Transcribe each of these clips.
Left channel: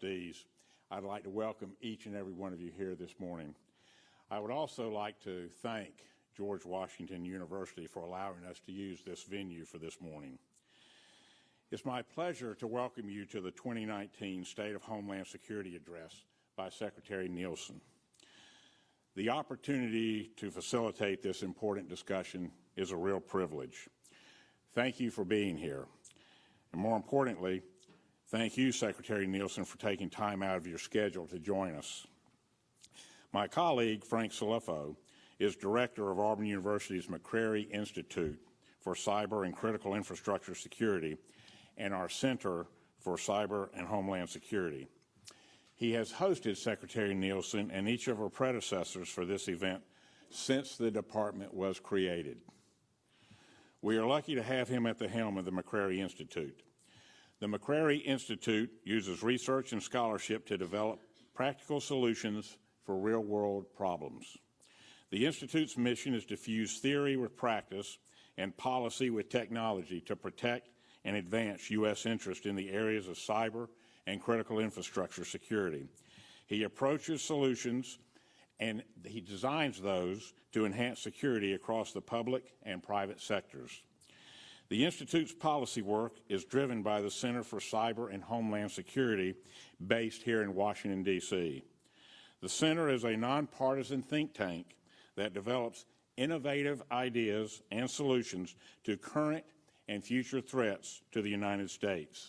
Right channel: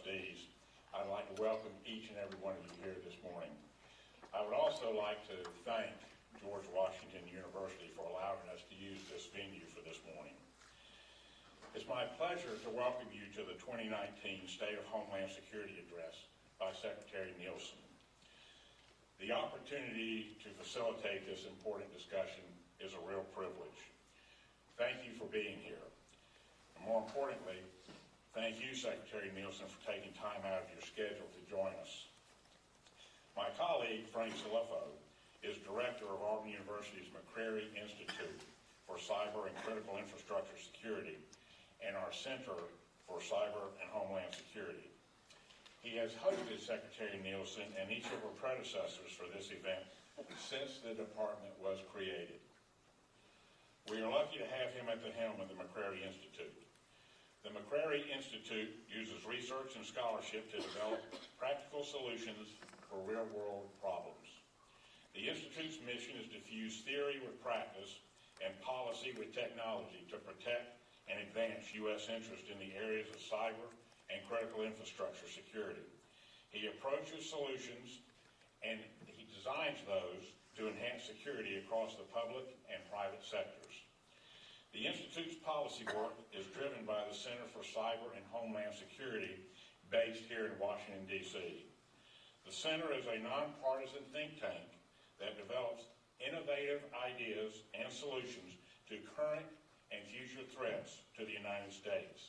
Trustees, I'd like to welcome each and every one of you here this morning. I would also like to thank George Washington University for allowing us to use this venue for this morning. It's my pleasure to welcome you to the 2019 State of Homeland Security Address by Secretary Nielsen. The opportunity to facilitate this important discussion is a real privilege. Thank you for being here. And more importantly, thank you, Secretary Nielsen, for taking time out of your schedule to join us. My colleague, Frank Salifo, is director of Auburn University's McCrary Institute for Cyber and Critical Infrastructure Security and our Center for Cyber and Homeland Security. He has hosted Secretary Nielsen and each of her predecessors for this event since the department was created. We are lucky to have him at the helm of the McCrary Institute. The McCrary Institute uses research and scholarship to develop practical solutions for real-world problems. The Institute's mission is to fuse theory with practice and policy with technology to protect and advance U.S. interest in the areas of cyber and critical infrastructure security. He approaches solutions and he designs those to enhance security across the public and private sectors. The Institute's policy work is driven by the Center for Cyber and Homeland Security based here in Washington, D.C. The Center is a nonpartisan think tank that develops innovative ideas and solutions to current and future threats to the United States.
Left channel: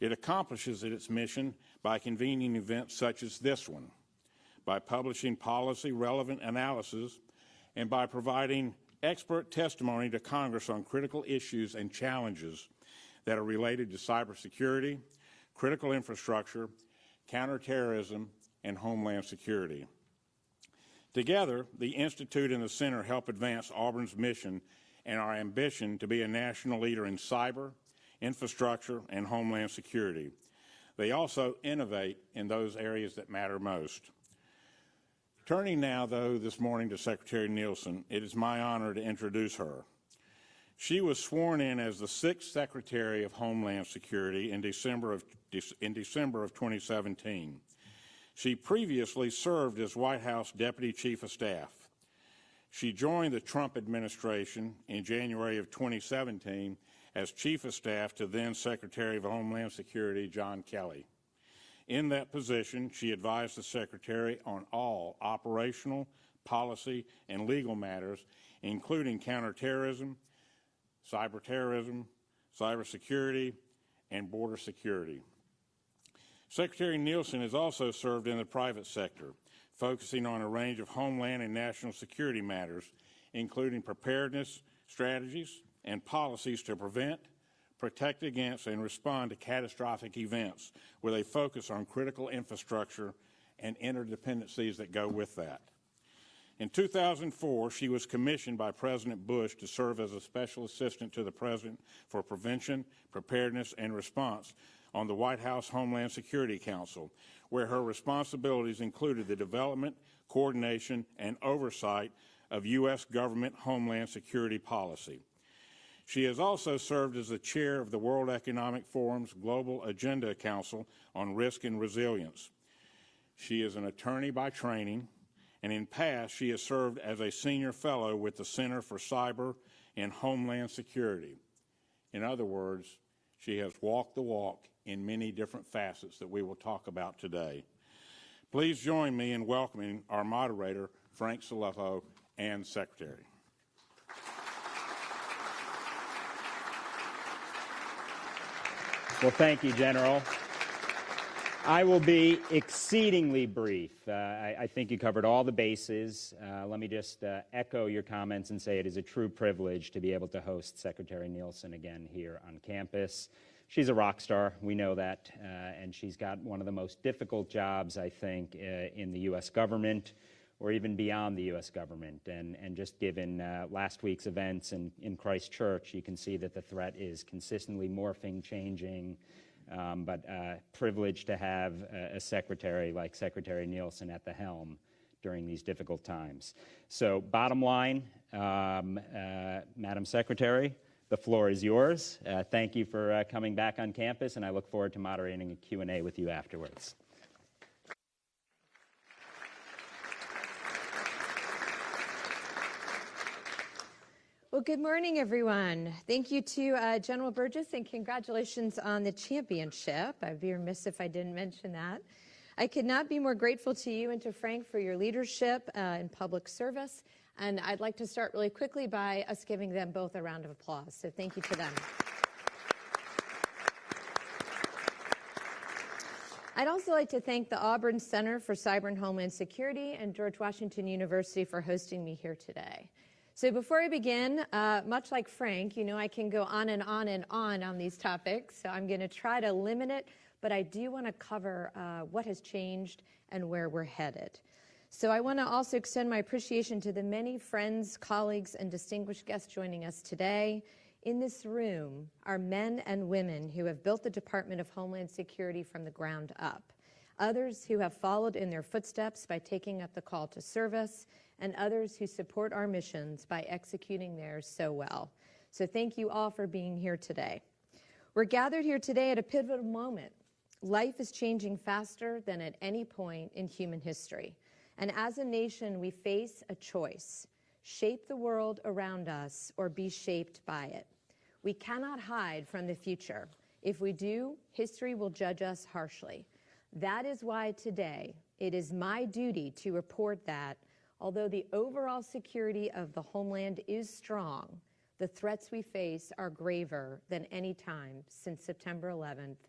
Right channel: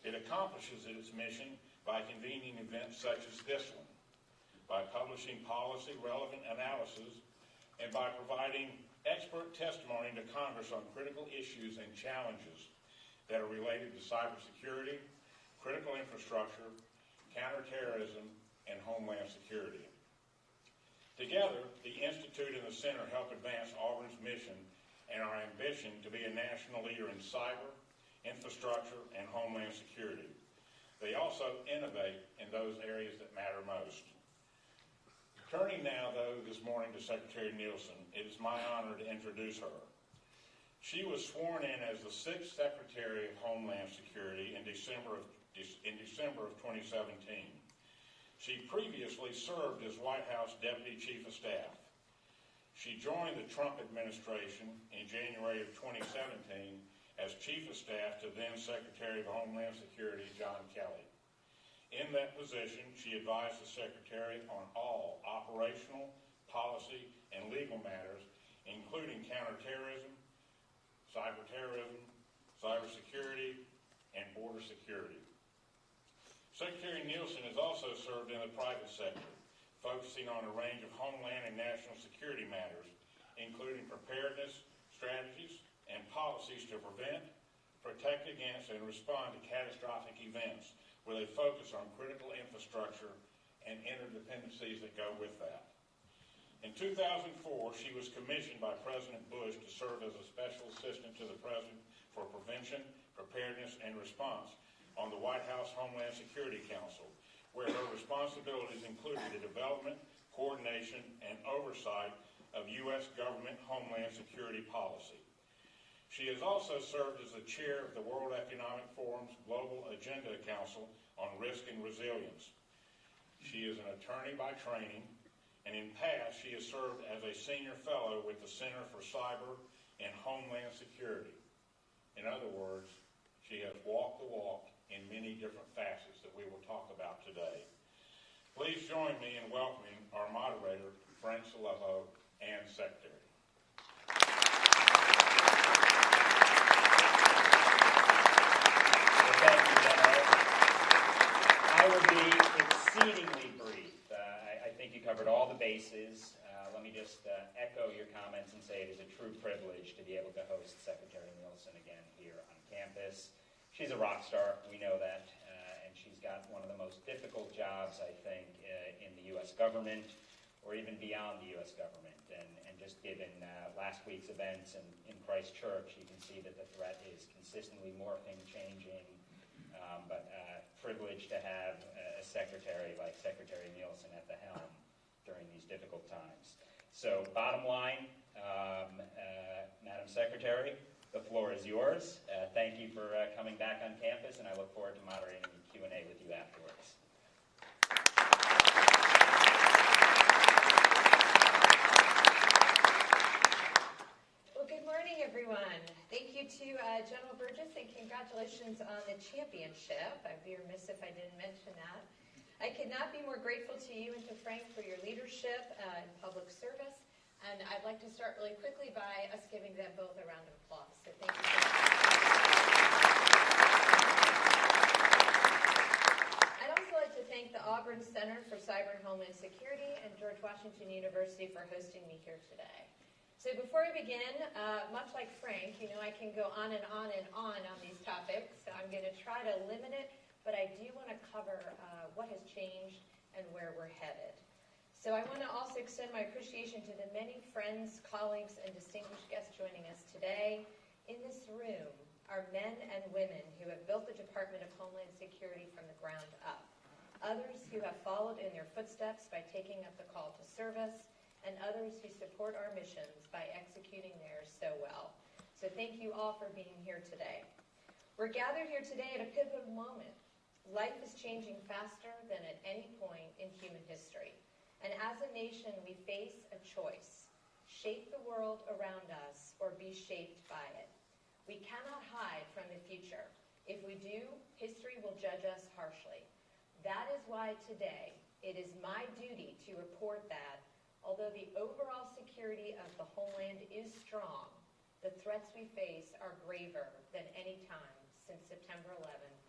It accomplishes its mission by convening events such as this one, by publishing policy-relevant analysis, and by providing expert testimony to Congress on critical issues and challenges that are related to cybersecurity, critical infrastructure, counterterrorism, and homeland security. Together, the Institute and the Center help advance Auburn's mission and our ambition to be a national leader in cyber, infrastructure, and homeland security. They also innovate in those areas that matter most. Turning now, though, this morning to Secretary Nielsen, it is my honor to introduce her. She was sworn in as the 6th Secretary of Homeland Security in December of 2017. She previously served as White House Deputy Chief of Staff. She joined the Trump administration in January of 2017 as Chief of Staff to then Secretary of Homeland Security John Kelly. In that position, she advised the Secretary on all operational, policy, and legal matters, including counterterrorism, cyberterrorism, cybersecurity, and border security. Secretary Nielsen has also served in the private sector, focusing on a range of homeland and national security matters, including preparedness strategies and policies to prevent, protect against, and respond to catastrophic events with a focus on critical infrastructure and interdependencies that go with that. In 2004, she was commissioned by President Bush to serve as a special assistant to the President for Prevention, Preparedness, and Response on the White House Homeland Security Council, where her responsibilities included the development, coordination, and oversight of U.S. government homeland security policy. She has also served as the chair of the World Economic Forum's Global Agenda Council on Risk and Resilience. She is an attorney by training, and in past she has served as a senior fellow with the Center for Cyber and Homeland Security. In other words, she has walked the walk in many different facets that we will talk about today. Please join me in welcoming our moderator, Frank Salifo, and Secretary. Well, thank you, General. I will be exceedingly brief. I think you covered all the bases. Let me just echo your comments and say it is a true privilege to be able to host Secretary Nielsen again here on campus. She's a rock star, we know that, and she's got one of the most difficult jobs, I think, in the U.S. government, or even beyond the U.S. government. And just given last week's events in Christchurch, you can see that the threat is consistently morphing, changing, but privileged to have a secretary like Secretary Nielsen at the helm during these difficult times. So bottom line, Madam Secretary, The floor is yours. Thank you for coming back on campus, and I look forward to moderating a Q&A with you afterwards. Well, good morning, everyone. Thank you to General Burgess, and congratulations on the championship. I'd be remiss if I didn't mention that. I could not be more grateful to you and to Frank for your leadership in public service. And I'd like to start really quickly by us giving them both a round of applause. So thank you to them. I'd also like to thank the Auburn Center for Cyber and Homeland Security and George Washington University for hosting me here today. So before I begin, much like Frank, you know I can go on and on and on these topics. So I'm going to try to limit it, but I do want to cover what has changed and where we're headed. So I want to also extend my appreciation to the many friends, colleagues, and distinguished guests joining us today. In this room are men and women who have built the Department of Homeland Security from the ground up. Others who have followed in their footsteps by taking up the call to service, and others who support our missions by executing theirs so well. So thank you all for being here today. We're gathered here today at a pivotal moment. Life is changing faster than at any point in human history. And as a nation, we face a choice: shape the world around us or be shaped by it. We cannot hide from the future. If we do, history will judge us harshly. That is why today it is my duty to report that although the overall security of the homeland is strong, the threats we face are graver than any time since September 11th,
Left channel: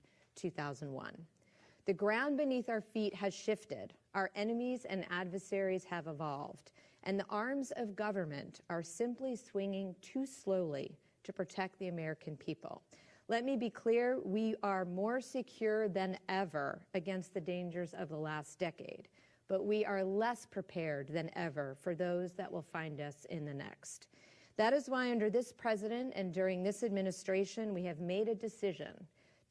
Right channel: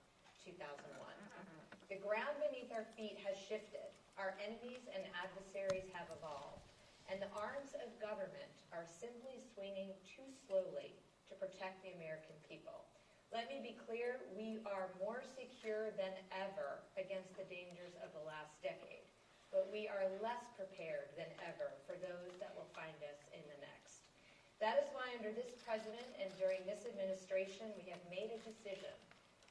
2001. The ground beneath our feet has shifted. Our enemies and adversaries have evolved, and the arms of government are simply swinging too slowly to protect the American people. Let me be clear, we are more secure than ever against the dangers of the last decade, but we are less prepared than ever for those that will find us in the next. That is why under this president and during this administration, we have made a decision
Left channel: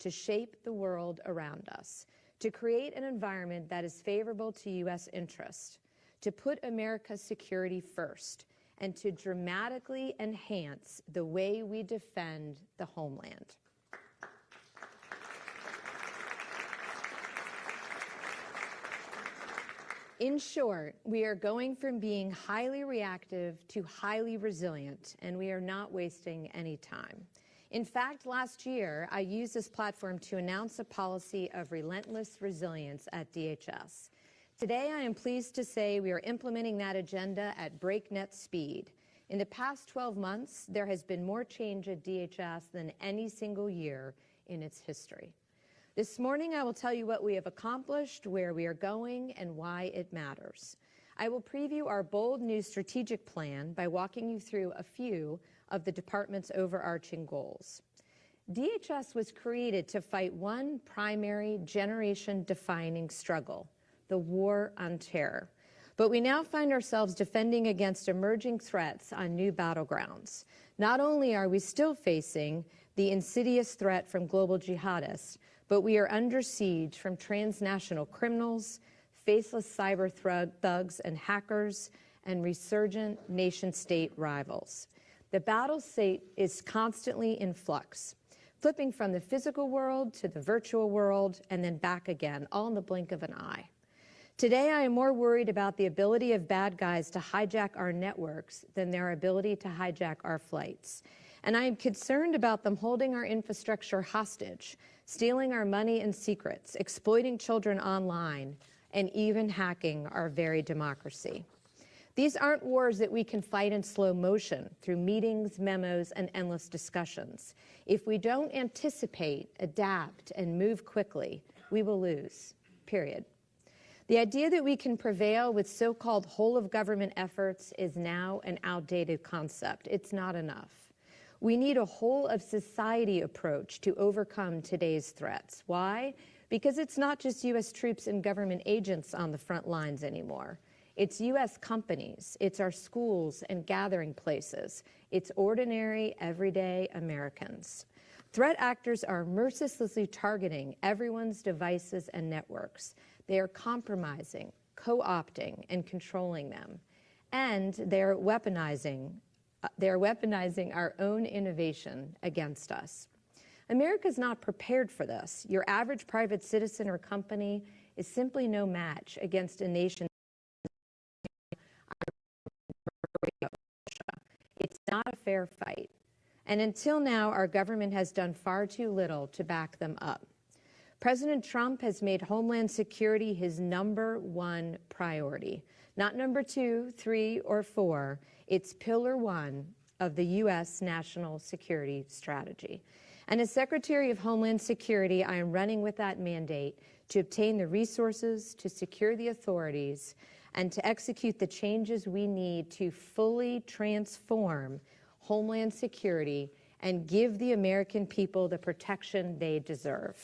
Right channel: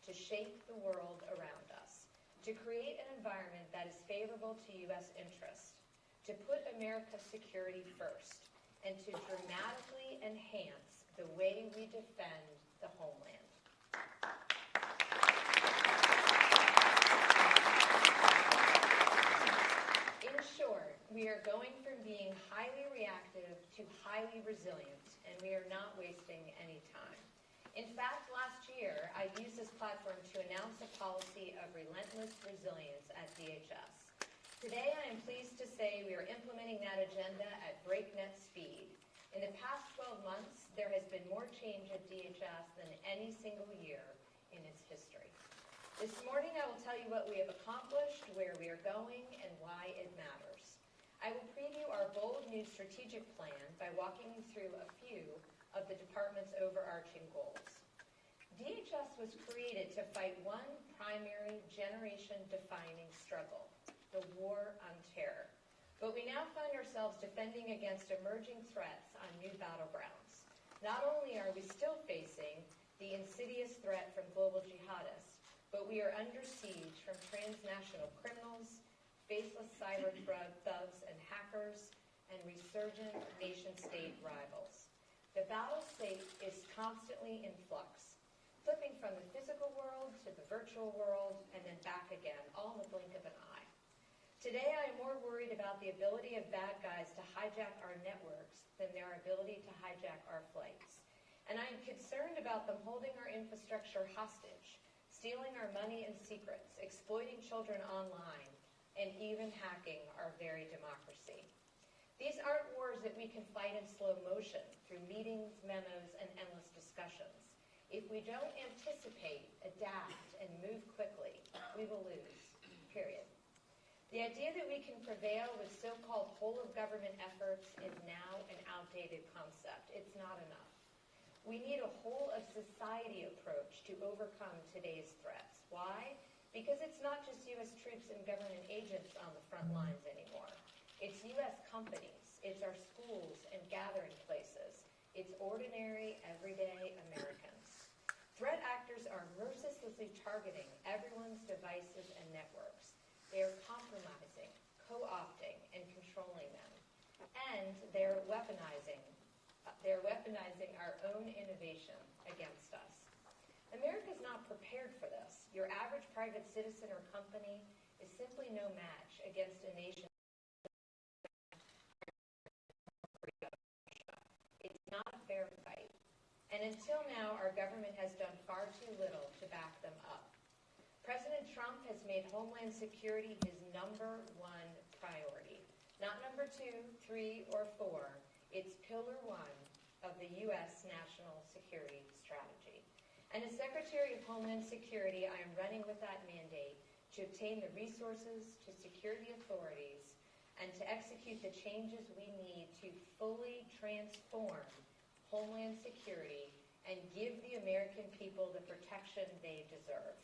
to shape the world around us, to create an environment that is favorable to U.S. interests, to put America's security first, and to dramatically enhance the way we defend the homeland. In short, we are going from being highly reactive to highly resilient, and we are not wasting any time. In fact, last year, I used this platform to announce a policy of relentless resilience at DHS. Today, I am pleased to say we are implementing that agenda at breakneck speed. In the past 12 months, there has been more change at DHS than any single year in its history. This morning, I will tell you what we have accomplished, where we are going, and why it matters. I will preview our bold new strategic plan by walking you through a few of the department's overarching goals. DHS was created to fight one primary generation-defining struggle: the war on terror. But we now find ourselves defending against emerging threats on new battlegrounds. Not only are we still facing the insidious threat from global jihadists, but we are under siege from transnational criminals, faceless cyber thugs and hackers, and resurgent nation-state rivals. The battle state is constantly in flux, flipping from the physical world to the virtual world and then back again, all in the blink of an eye. Today, I am more worried about the ability of bad guys to hijack our networks than their ability to hijack our flights. And I am concerned about them holding our infrastructure hostage, stealing our money and secrets, exploiting children online, and even hacking our very democracy. These aren't wars that we can fight in slow motion through meetings, memos, and endless discussions. If we don't anticipate, adapt, and move quickly, we will lose, period. The idea that we can prevail with so-called whole-of-government efforts is now an outdated concept. It's not enough. We need a whole-of-society approach to overcome today's threats. Why? Because it's not just U.S. troops and government agents on the front lines anymore. It's U.S. companies, it's our schools and gathering places, it's ordinary, everyday Americans. Threat actors are mercilessly targeting everyone's devices and networks. They are compromising, co-opting, and controlling them. And they're weaponizing They're weaponizing our own innovation against us. America's not prepared for this. Your average private citizen or company is simply no match against a nation. It's not a fair fight. And until now, our government has done far too little to back them up. President Trump has made Homeland Security his #1 priority. Not number 2, 3, or 4. It's pillar 1 of the U.S. national security strategy. And as Secretary of Homeland Security, I am running with that mandate to obtain the resources, to secure the authorities, and to execute the changes we need to fully transform Homeland Security and give the American people the protection they deserve.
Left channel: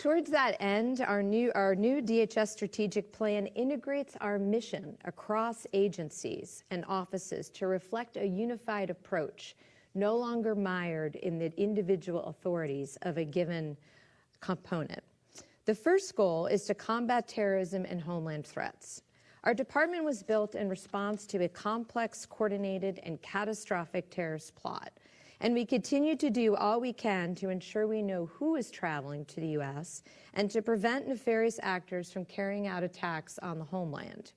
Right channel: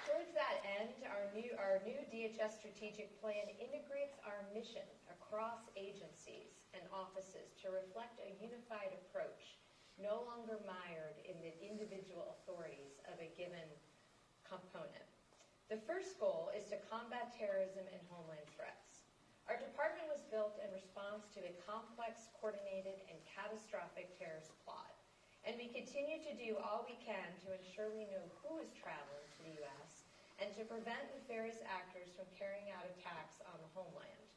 Towards that end, our new DHS strategic plan integrates our mission across agencies and offices to reflect a unified approach, no longer mired in the individual authorities of a given component. The first goal is to combat terrorism and homeland threats. Our department was built in response to a complex, coordinated, and catastrophic terrorist plot. And we continue to do all we can to ensure we know who is traveling to the U.S. and to prevent nefarious actors from carrying out attacks on the homeland.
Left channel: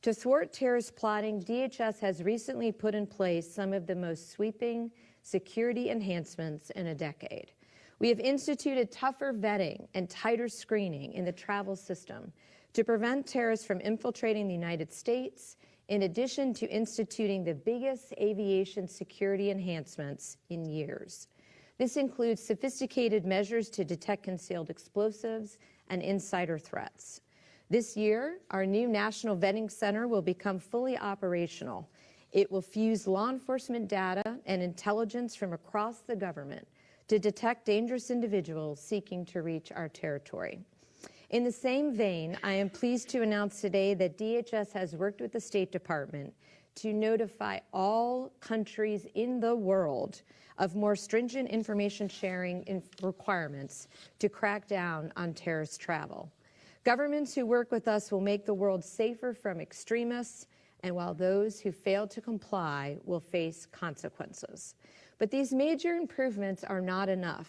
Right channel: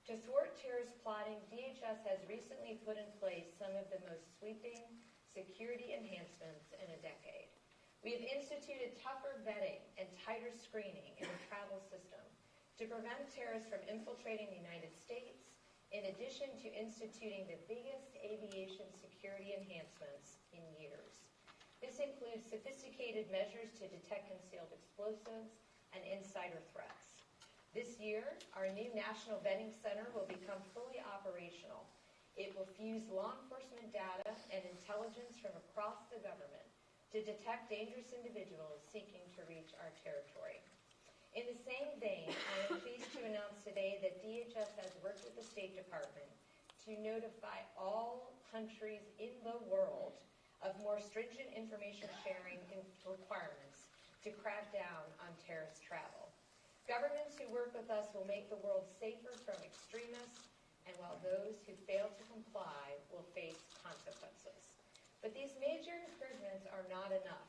To thwart terrorist plotting, DHS has recently put in place some of the most sweeping security enhancements in a decade. We have instituted tougher vetting and tighter screening in the travel system to prevent terrorists from infiltrating the United States, in addition to instituting the biggest aviation security enhancements in years. This includes sophisticated measures to detect concealed explosives and insider threats. This year, our new National Vetting Center will become fully operational. It will fuse law enforcement data and intelligence from across the government to detect dangerous individuals seeking to reach our territory. In the same vein, I am pleased to announce today that DHS has worked with the State Department to notify all countries in the world of more stringent information sharing requirements to crack down on terrorist travel. Governments who work with us will make the world safer from extremists, and while those who fail to comply will face consequences. But these major improvements are not enough.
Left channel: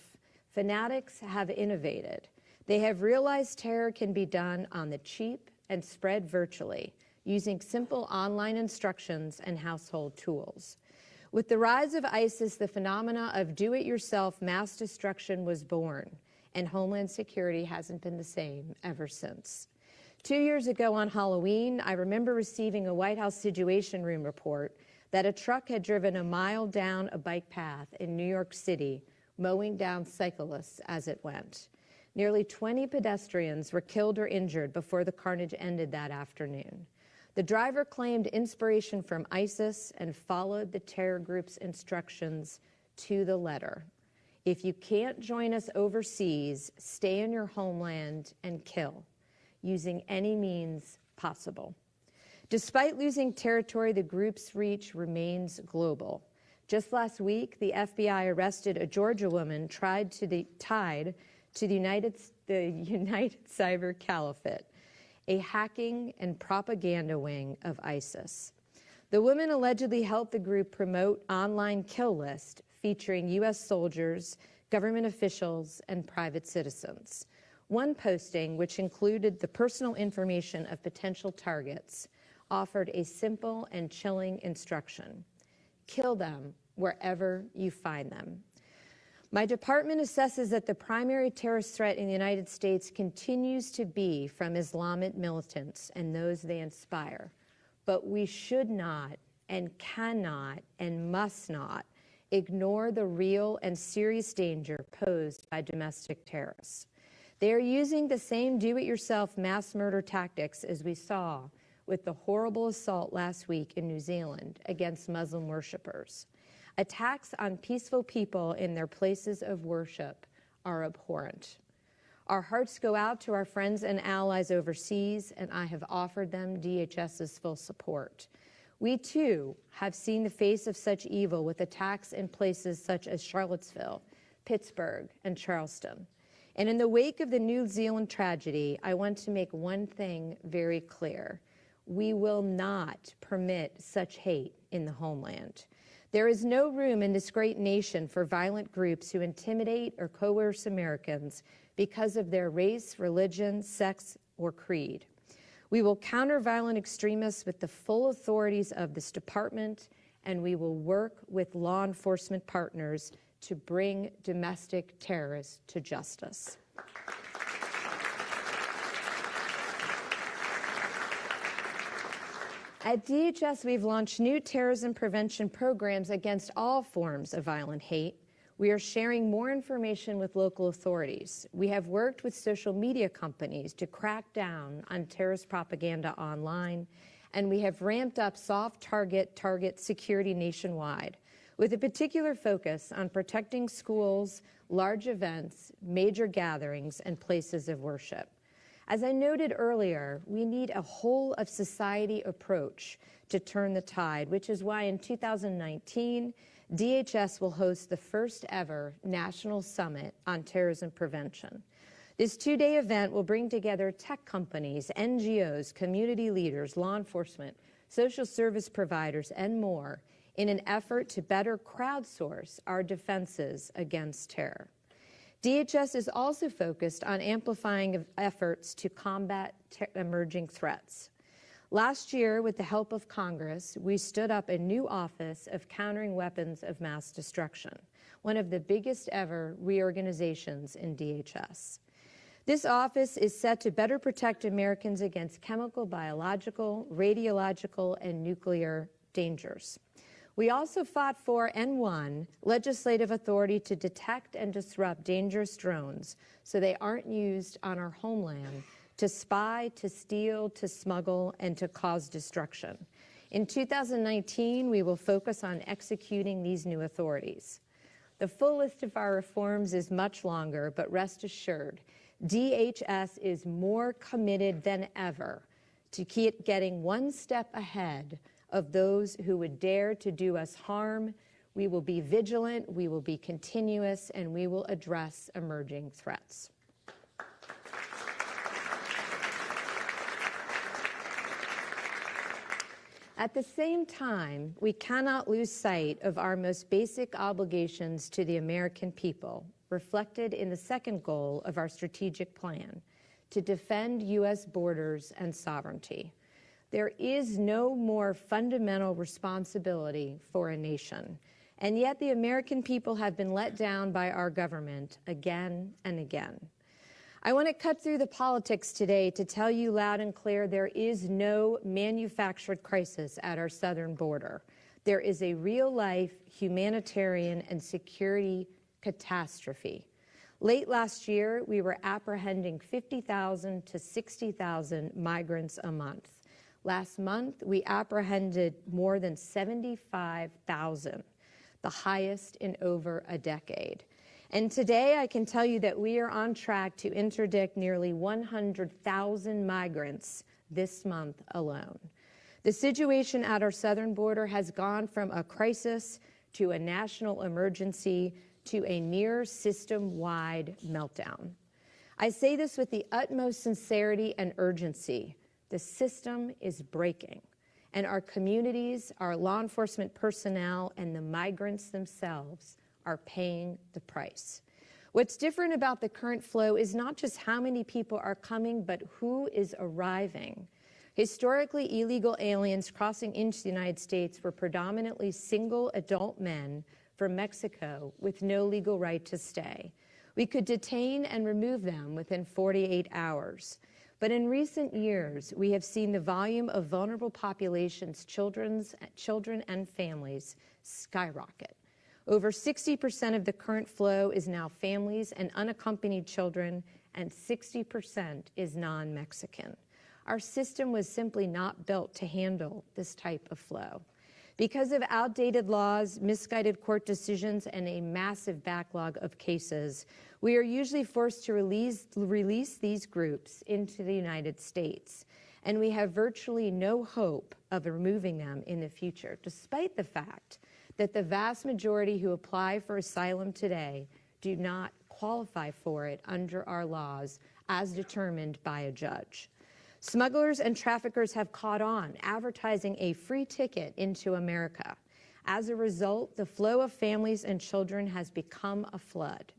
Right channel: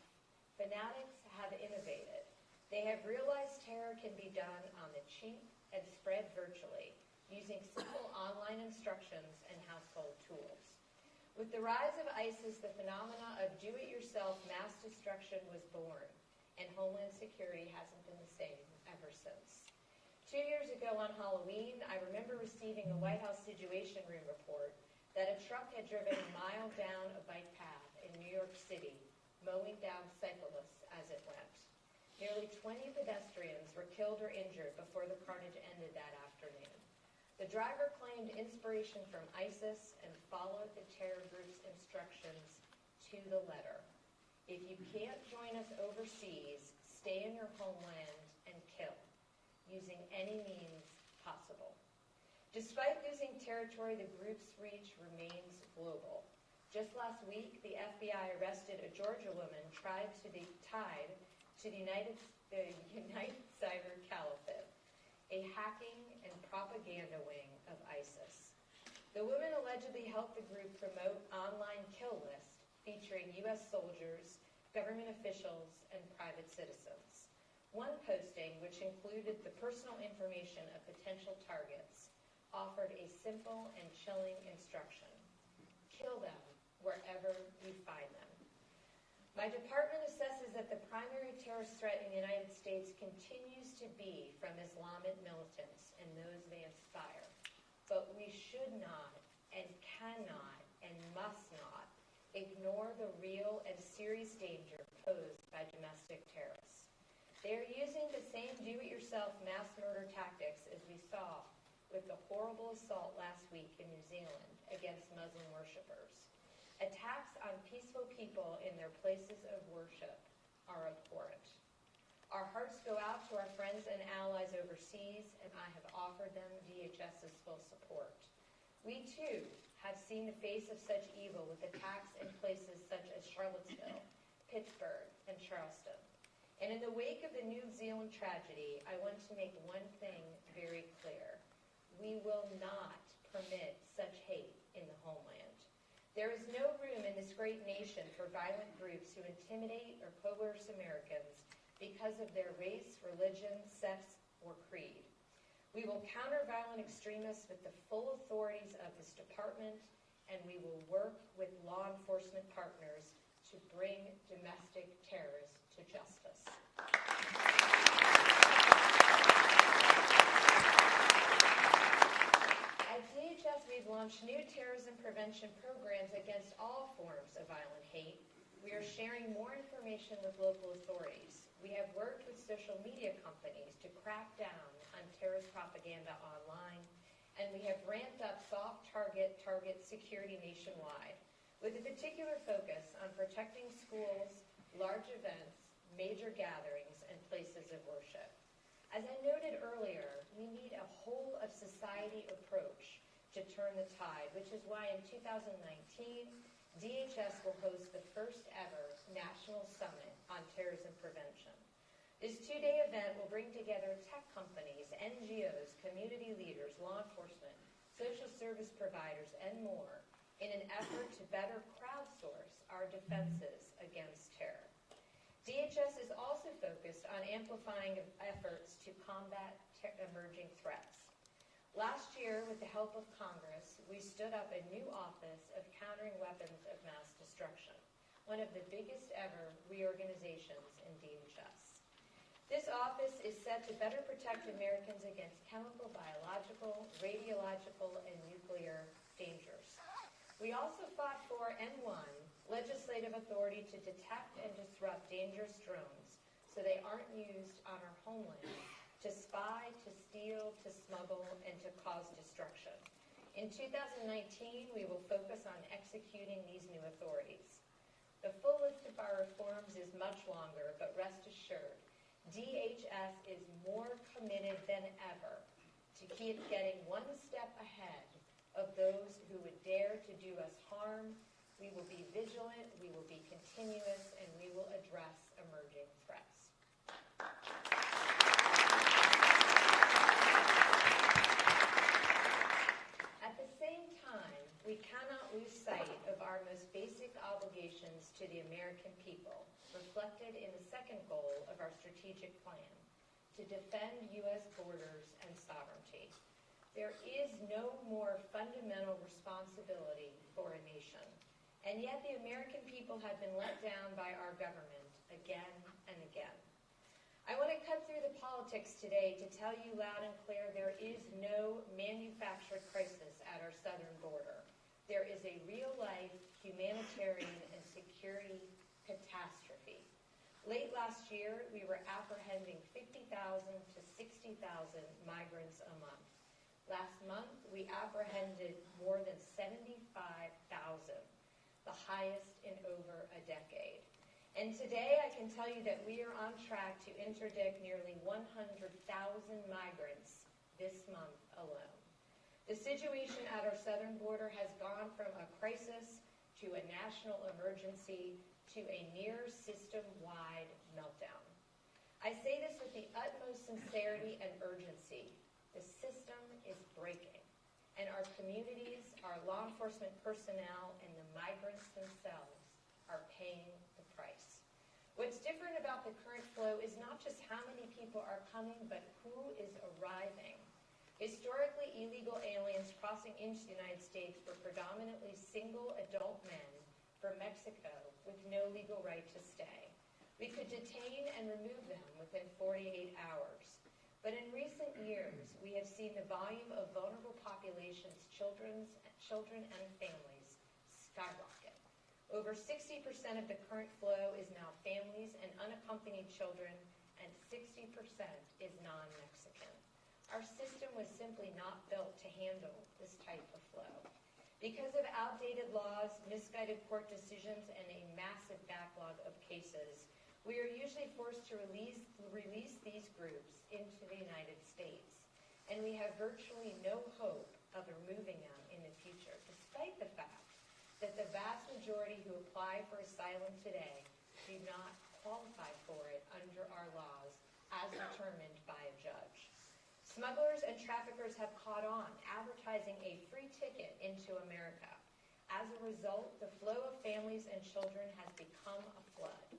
Fanatics have innovated. They have realized terror can be done on the cheap and spread virtually, using simple online instructions and household tools. With the rise of ISIS, the phenomena of do-it-yourself mass destruction was born, and Homeland Security hasn't been the same ever since. 2 years ago on Halloween, I remember receiving a White House Situation Room report that a truck had driven a mile down a bike path in New York City, mowing down cyclists as it went. Nearly 20 pedestrians were killed or injured before the carnage ended that afternoon. The driver claimed inspiration from ISIS and followed the terror group's instructions to the letter. If you can't join us overseas, stay in your homeland and kill, using any means possible. Despite losing territory, the group's reach remains global. Just last week, the FBI arrested a Georgia woman tied to the United Cyber Caliphate, a hacking and propaganda wing of ISIS. The woman allegedly helped the group promote online kill lists featuring U.S. soldiers, government officials, and private citizens. One posting, which included the personal information of potential targets, offered a simple and chilling instruction: kill them wherever you find them. My department assesses that the primary terrorist threat in the United States continues to be from Islamic militants and those they inspire. But we should not and cannot and must not ignore the real and serious danger posed by domestic terrorists. They are using the same do-it-yourself mass murder tactics as we saw with the horrible assault last week in New Zealand against Muslim worshipers. Attacks on peaceful people in their places of worship are abhorrent. Our hearts go out to our friends and allies overseas, and I have offered them DHS's full support. We, too, have seen the face of such evil with attacks in places such as Charlottesville, Pittsburgh, and Charleston. And in the wake of the New Zealand tragedy, I want to make one thing very clear. We will not permit such hate in the homeland. There is no room in this great nation for violent groups who intimidate or coerce Americans because of their race, religion, sex, or creed. We will counter violent extremists with the full authorities of this department, and we will work with law enforcement partners to bring domestic terrorists to justice. At DHS, we've launched new terrorism prevention programs against all forms of violent hate. We are sharing more information with local authorities. We have worked with social media companies to crack down on terrorist propaganda online, and we have ramped up soft target security nationwide, with a particular focus on protecting schools, large events, major gatherings, and places of worship. As I noted earlier, we need a whole-of-society approach to turn the tide, which is why in 2019, DHS will host the first ever National Summit on Terrorism Prevention. This two-day event will bring together tech companies, NGOs, community leaders, law enforcement, social service providers, and more in an effort to better crowdsource our defenses against terror. DHS is also focused on amplifying efforts to combat emerging threats. Last year, with the help of Congress, we stood up a new Office of Countering Weapons of Mass Destruction, one of the biggest ever reorganizations in DHS. This office is set to better protect Americans against chemical, biological, radiological, and nuclear dangers. We also fought for and won legislative authority to detect and disrupt dangerous drones so they aren't used on our homeland to spy, to steal, to smuggle, and to cause destruction. In 2019, we will focus on executing these new authorities. The full list of our reforms is much longer, but rest assured, DHS is more committed than ever to keep getting one step ahead of those who would dare to do us harm. We will be vigilant, we will be continuous, and we will address emerging threats. At the same time, we cannot lose sight of our most basic obligations to the American people, reflected in the second goal of our strategic plan, to defend U.S. borders and sovereignty. There is no more fundamental responsibility for a nation, and yet the American people have been let down by our government again and again. I want to cut through the politics today to tell you loud and clear there is no manufactured crisis at our southern border. There is a real-life humanitarian and security catastrophe. Late last year, we were apprehending 50,000 to 60,000 migrants a month. Last month, we apprehended more than 75,000, the highest in over a decade. And today, I can tell you that we are on track to interdict nearly 100,000 migrants this month alone. The situation at our southern border has gone from a crisis to a national emergency to a near system-wide meltdown. I say this with the utmost sincerity and urgency. The system is breaking, and our communities, our law enforcement personnel, and the migrants themselves are paying the price. What's different about the current flow is not just how many people are coming, but who is arriving. Historically, illegal aliens crossing into the United States were predominantly single adult men from Mexico with no legal right to stay. We could detain and remove them within 48 hours. But in recent years, we have seen the volume of vulnerable populations, children and families, skyrocket. Over 60% of the current flow is now families and unaccompanied children, and 60% is non-Mexican. Our system was simply not built to handle this type of flow. Because of outdated laws, misguided court decisions, and a massive backlog of cases, we are usually forced to release these groups into the United States, and we have virtually no hope of removing them in the future, despite the fact that the vast majority who apply for asylum today do not qualify for it under our laws as determined by a judge. Smugglers and traffickers have caught on, advertising a free ticket into America. As a result, the flow of families and children has become a flood.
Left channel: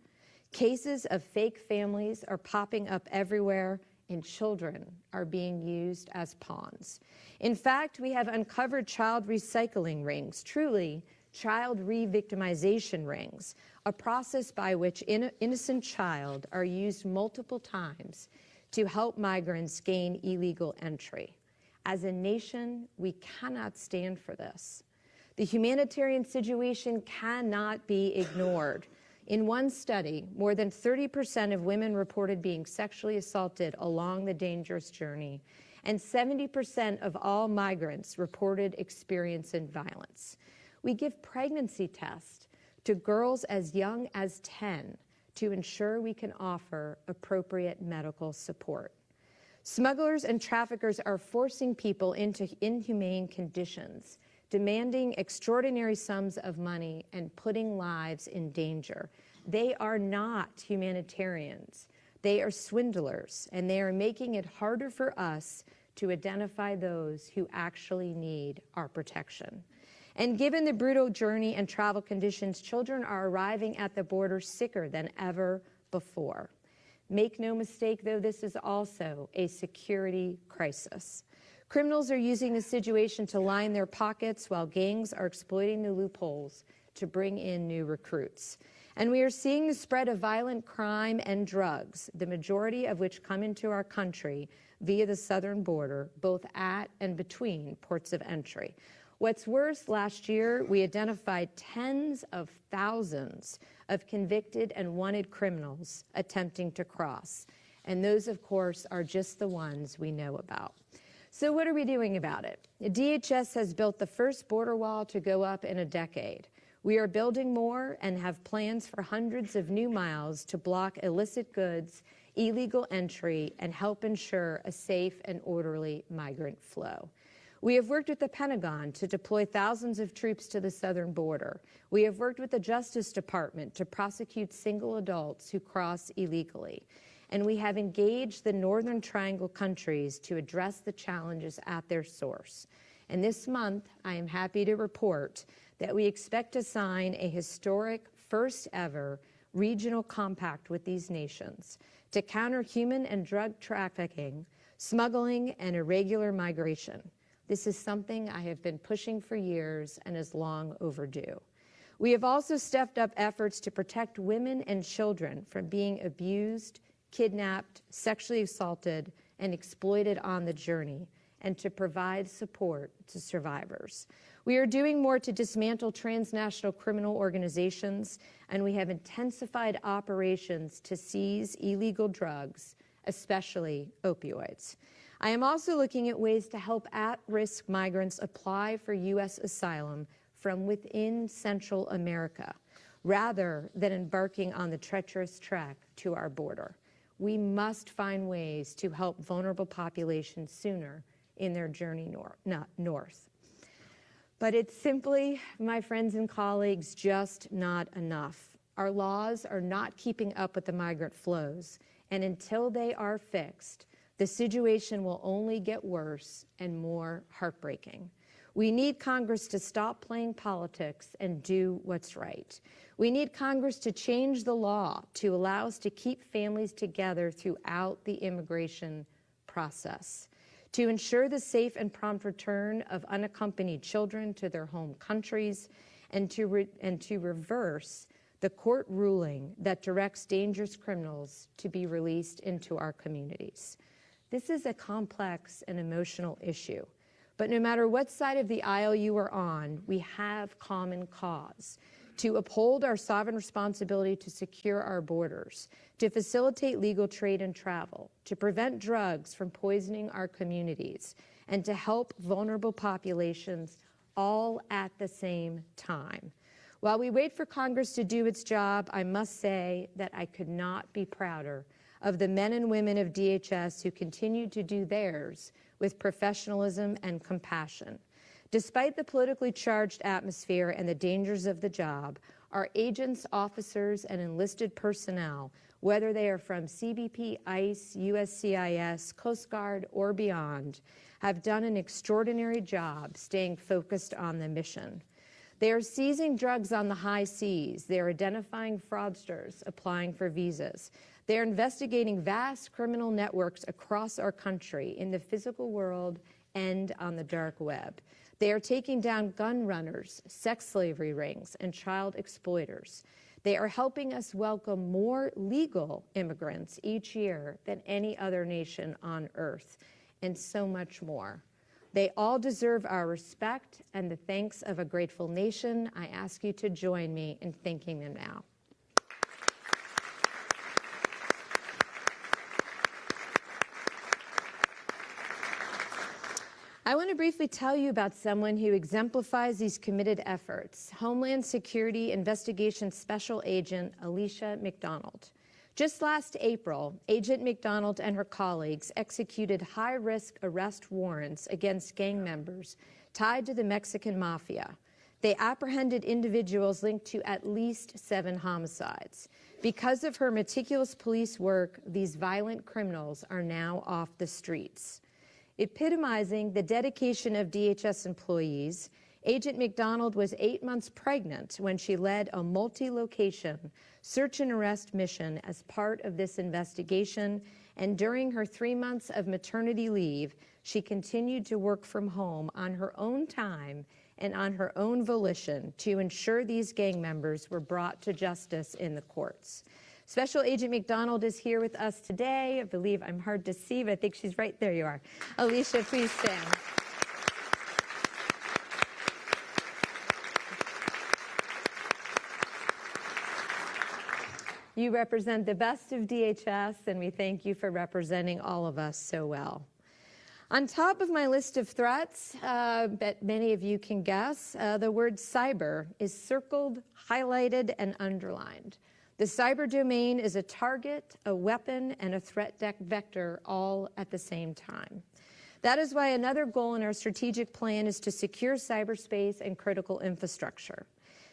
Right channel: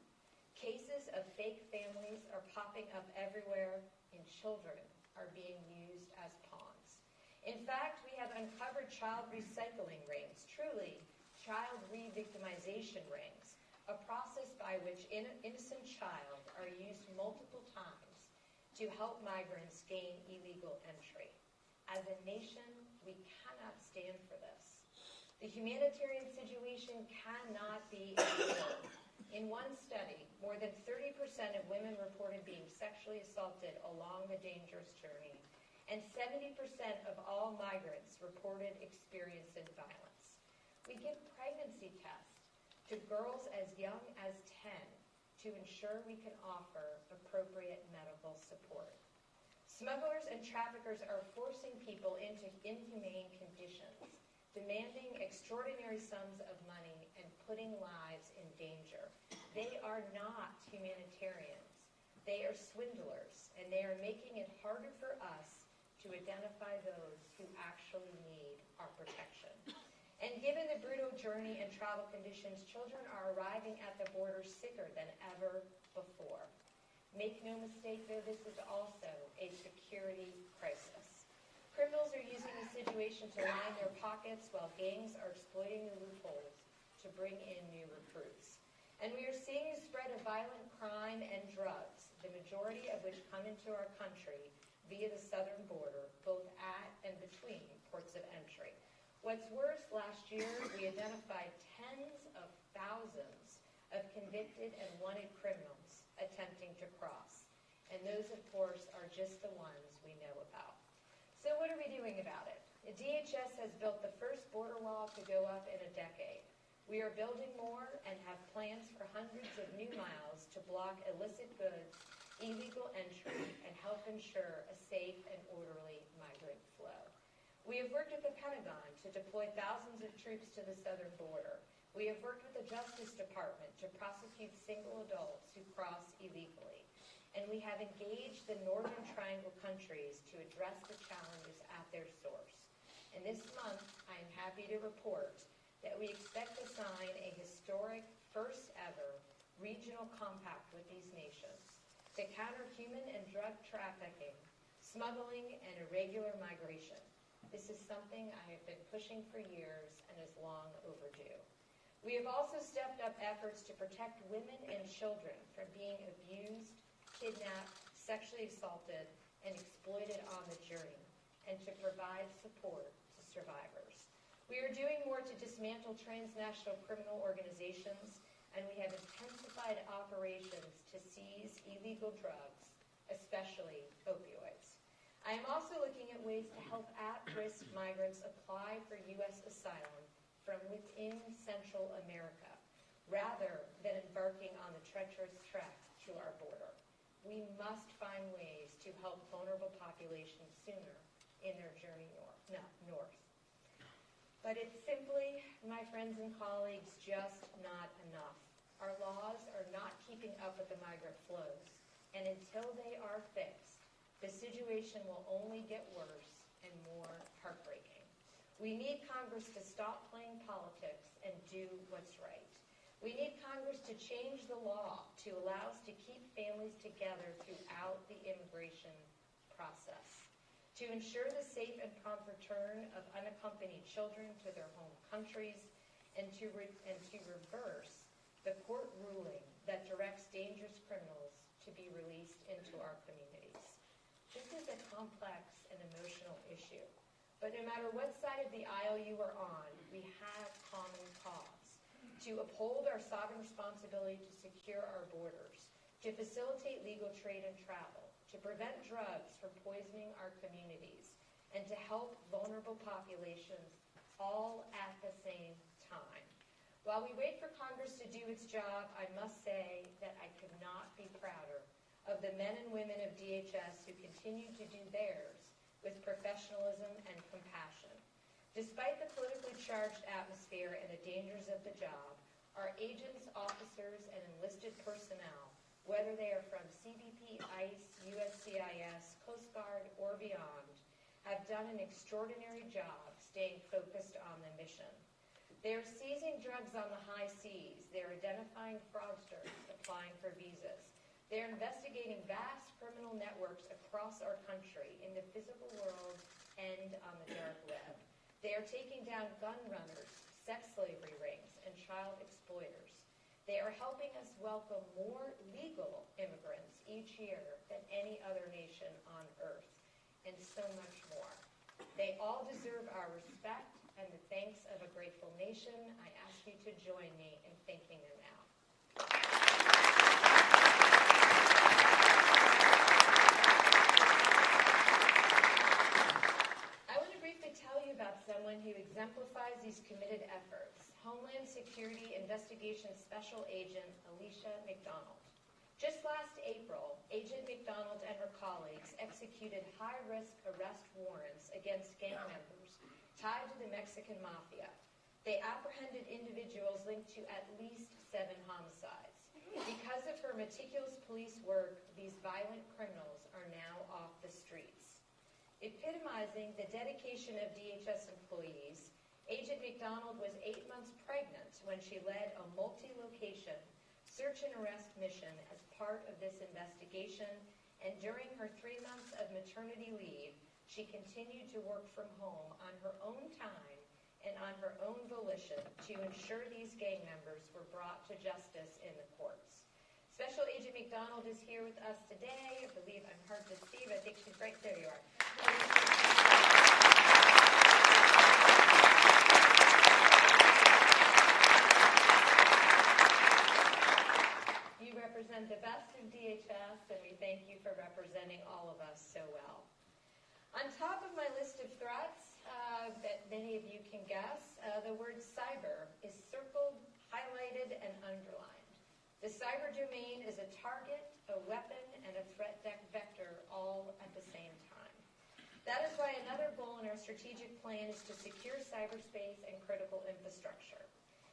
Cases of fake families are popping up everywhere, and children are being used as pawns. In fact, we have uncovered child recycling rings, truly child re-victimization rings, a process by which innocent child are used multiple times to help migrants gain illegal entry. As a nation, we cannot stand for this. The humanitarian situation cannot be ignored. In one study, more than 30% of women reported being sexually assaulted along the dangerous journey, and 70% of all migrants reported experiencing violence. We give pregnancy tests to girls as young as 10 to ensure we can offer appropriate medical support. Smugglers and traffickers are forcing people into inhumane conditions, demanding extraordinary sums of money and putting lives in danger. They are not humanitarians. They are swindlers, and they are making it harder for us to identify those who actually need our protection. And given the brutal journey and travel conditions, children are arriving at the border sicker than ever before. Make no mistake, though, this is also a security crisis. Criminals are using the situation to line their pockets while gangs are exploiting the loopholes to bring in new recruits. And we are seeing the spread of violent crime and drugs, the majority of which come into our country via the southern border, both at and between ports of entry. What's worse, last year we identified tens of thousands of convicted and wanted criminals attempting to cross. And those, of course, are just the ones we know about. So what are we doing about it? The DHS has built the first border wall to go up in a decade. We are building more and have plans for hundreds of new miles to block illicit goods, illegal entry, and help ensure a safe and orderly migrant flow. We have worked with the Pentagon to deploy thousands of troops to the southern border. We have worked with the Justice Department to prosecute single adults who cross illegally. And we have engaged the Northern Triangle countries to address the challenges at their source. And this month, I am happy to report that we expect to sign a historic first ever regional compact with these nations to counter human and drug trafficking, smuggling, and irregular migration. This is something I have been pushing for years and is long overdue. We have also stepped up efforts to protect women and children from being abused, kidnapped, sexually assaulted, and exploited on the journey, and to provide support to survivors. We are doing more to dismantle transnational criminal organizations, and we have intensified operations to seize illegal drugs, especially opioids. I am also looking at ways to help at-risk migrants apply for U.S. asylum from within Central America, rather than embarking on the treacherous trek to our border. We must find ways to help vulnerable populations sooner in their journey north. But it's simply, my friends and colleagues, just not enough. Our laws are not keeping up with the migrant flows, and until they are fixed, the situation will only get worse and more heartbreaking. We need Congress to stop playing politics and do what's right. We need Congress to change the law to allow us to keep families together throughout the immigration process, to ensure the safe and prompt return of unaccompanied children to their home countries, and to reverse the court ruling that directs dangerous criminals to be released into our communities. This is a complex and emotional issue, but no matter what side of the aisle you are on, we have common cause: to uphold our sovereign responsibility to secure our borders, to facilitate legal trade and travel, to prevent drugs from poisoning our communities, and to help vulnerable populations all at the same time. While we wait for Congress to do its job, I must say that I could not be prouder of the men and women of DHS who continue to do theirs with professionalism and compassion. Despite the politically charged atmosphere and the dangers of the job, Our agents, officers, and enlisted personnel, whether they are from CBP, ICE, USCIS, Coast Guard, or beyond, have done an extraordinary job staying focused on the mission. They are seizing drugs on the high seas. They are identifying fraudsters applying for visas. They are investigating vast criminal networks across our country in the physical world and on the dark web. They are taking down gun runners, sex slavery rings, and child exploiters. They are helping us welcome more legal immigrants each year than any other nation on earth, and so much more. They all deserve our respect and the thanks of a grateful nation. I ask you to join me in thanking them now. I want to briefly tell you about someone who exemplifies these committed efforts, Homeland Security Investigation Special Agent Alicia McDonald. Just last April, Agent McDonald and her colleagues executed high-risk arrest warrants against gang members tied to the Mexican mafia. They apprehended individuals linked to at least 7 homicides. Because of her meticulous police work, these violent criminals are now off the streets. Epitomizing the dedication of DHS employees, Agent McDonald was 8 months pregnant when she led a multi-location search and arrest mission as part of this investigation, and during her 3 months of maternity leave, she continued to work from home on her own time and on her own volition to ensure these gang members were brought to justice in the courts. Special Agent McDonald is here with us today. I believe I'm hard to see, but I think she's right there. You are. Alicia, please stand. You represent the best of DHS, and we thank you for representing all of us so well. On top of my list of threats, that many of you can guess, the word cyber is circled, highlighted, and underlined. The cyber domain is a target, a weapon, and a threat vector all at the same time. That is why another goal in our strategic plan is to secure cyberspace and critical infrastructure.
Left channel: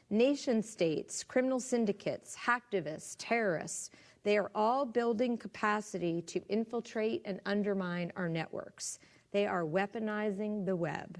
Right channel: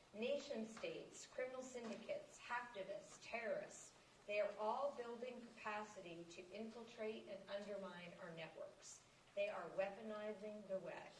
Nation states, criminal syndicates, hacktivists, terrorists, they are all building capacity to infiltrate and undermine our networks. They are weaponizing the web.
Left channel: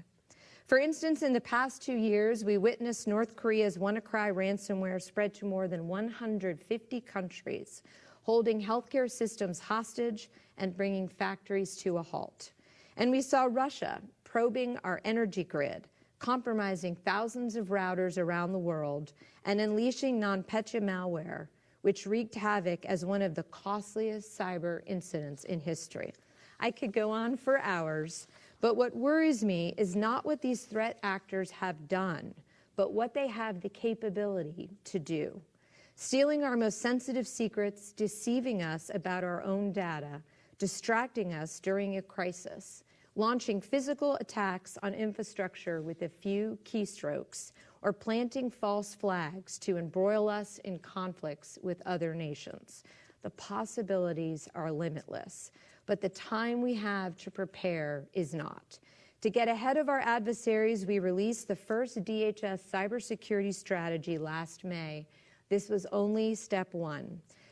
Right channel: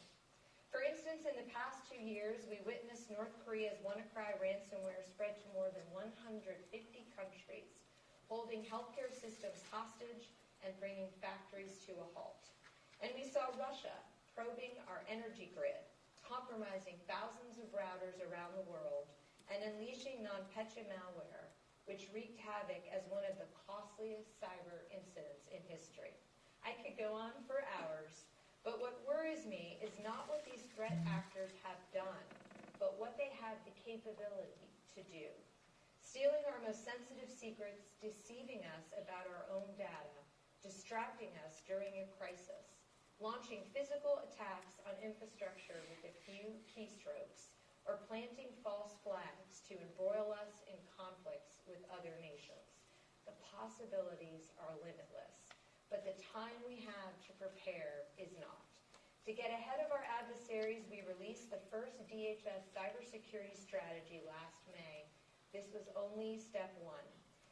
For instance, in the past 2 years, we witnessed North Korea's WannaCry ransomware spread to more than 150 countries, holding healthcare systems hostage and bringing factories to a halt. And we saw Russia probing our energy grid, compromising thousands of routers around the world, and unleashing NotPetya malware, which wreaked havoc as one of the costliest cyber incidents in history. I could go on for hours, but what worries me is not what these threat actors have done, but what they have the capability to do. Stealing our most sensitive secrets, deceiving us about our own data, distracting us during a crisis, launching physical attacks on infrastructure with a few keystrokes, or planting false flags to embroil us in conflicts with other nations. The possibilities are limitless, but the time we have to prepare is not. To get ahead of our adversaries, we released the first DHS cybersecurity strategy last May. This was only step 1.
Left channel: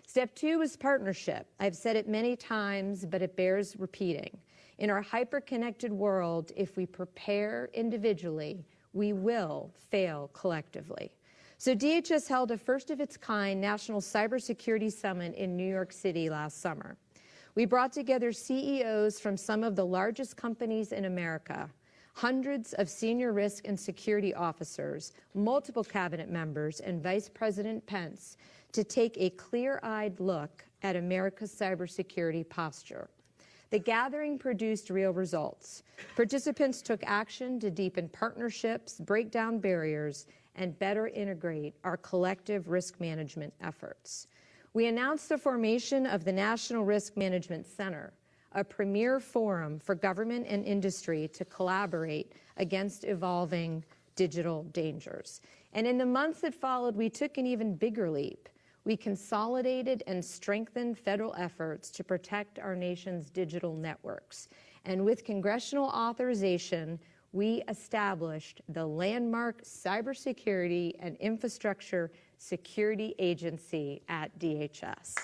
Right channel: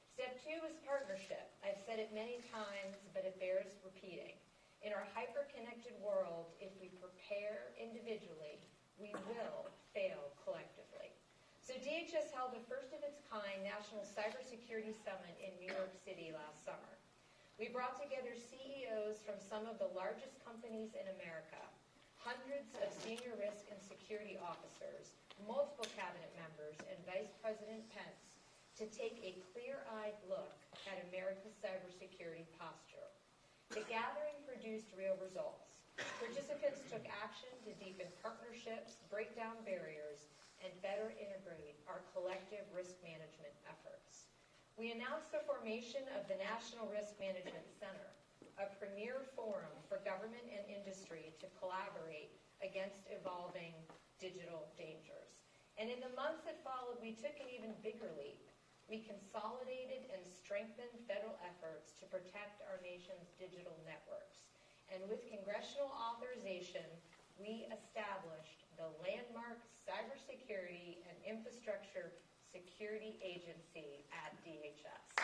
Step 2 is partnership. I've said it many times, but it bears repeating. In our hyper-connected world, if we prepare individually, we will fail collectively. So DHS held a first-of-its-kind National Cybersecurity Summit in New York City last summer. We brought together CEOs from some of the largest companies in America, hundreds of senior risk and security officers, multiple cabinet members, and Vice President Pence to take a clear-eyed look at America's cybersecurity posture. The gathering produced real results. Participants took action to deepen partnerships, break down barriers, and better integrate our collective risk management efforts. We announced the formation of the National Risk Management Center, a premier forum for government and industry to collaborate against evolving digital dangers. And in the months that followed, we took an even bigger leap. We consolidated and strengthened federal efforts to protect our nation's digital networks. And with congressional authorization, we established the landmark Cybersecurity and Infrastructure security agency at DHS.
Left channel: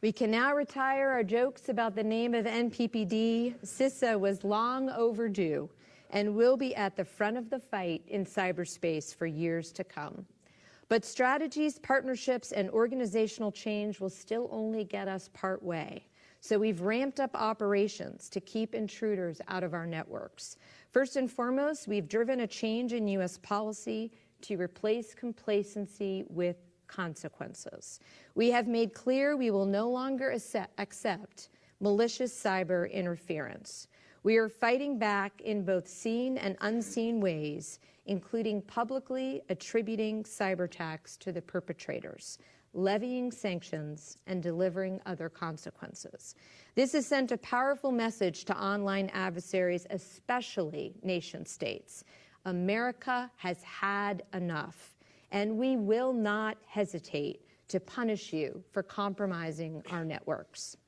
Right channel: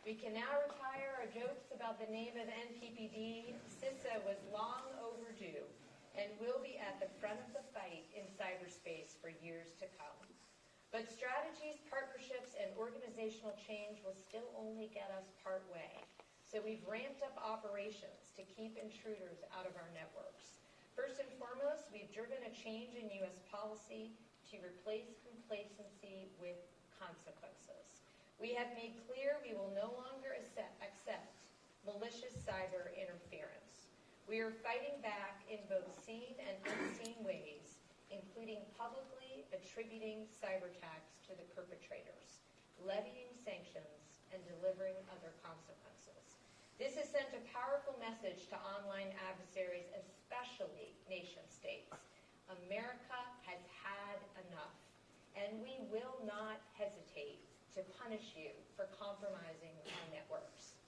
We can now retire our jokes about the name of NPPD. CISA was long overdue and will be at the front of the fight in cyberspace for years to come. But strategies, partnerships, and organizational change will still only get us part way. So we've ramped up operations to keep intruders out of our networks. First and foremost, we've driven a change in U.S. policy to replace complacency with consequences. We have made clear we will no longer accept malicious cyber interference. We are fighting back in both seen and unseen ways, including publicly attributing cyber attacks to the perpetrators, levying sanctions, and delivering other consequences. This has sent a powerful message to online adversaries, especially nation states. America has had enough, and we will not hesitate to punish you for compromising our networks.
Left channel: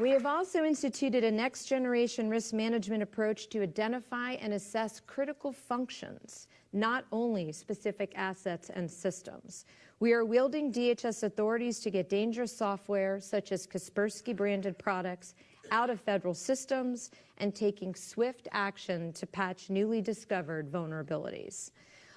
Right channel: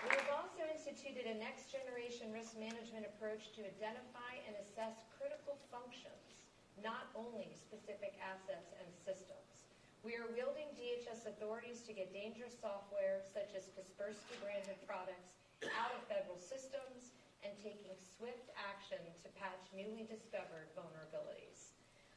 We have also instituted a next-generation risk management approach to identify and assess critical functions, not only specific assets and systems. We are wielding DHS authorities to get dangerous software, such as Kaspersky-branded products, out of federal systems and taking swift action to patch newly discovered vulnerabilities.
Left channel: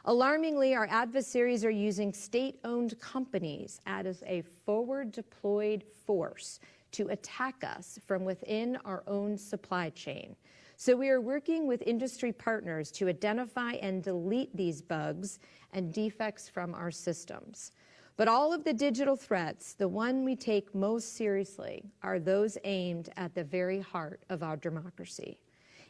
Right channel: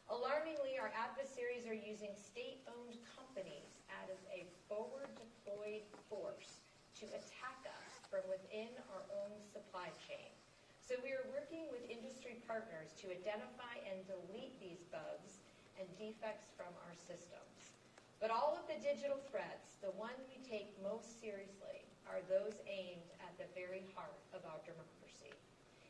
Alarmingly, our adversaries are using state-owned companies as a forward-deployed force to attack us from within our own supply chain. So we are working with industry partners to identify and delete these bugs and defects from our systems. But all of the digital threats, the one we take most seriously, are those aimed at the very heart of our democracy.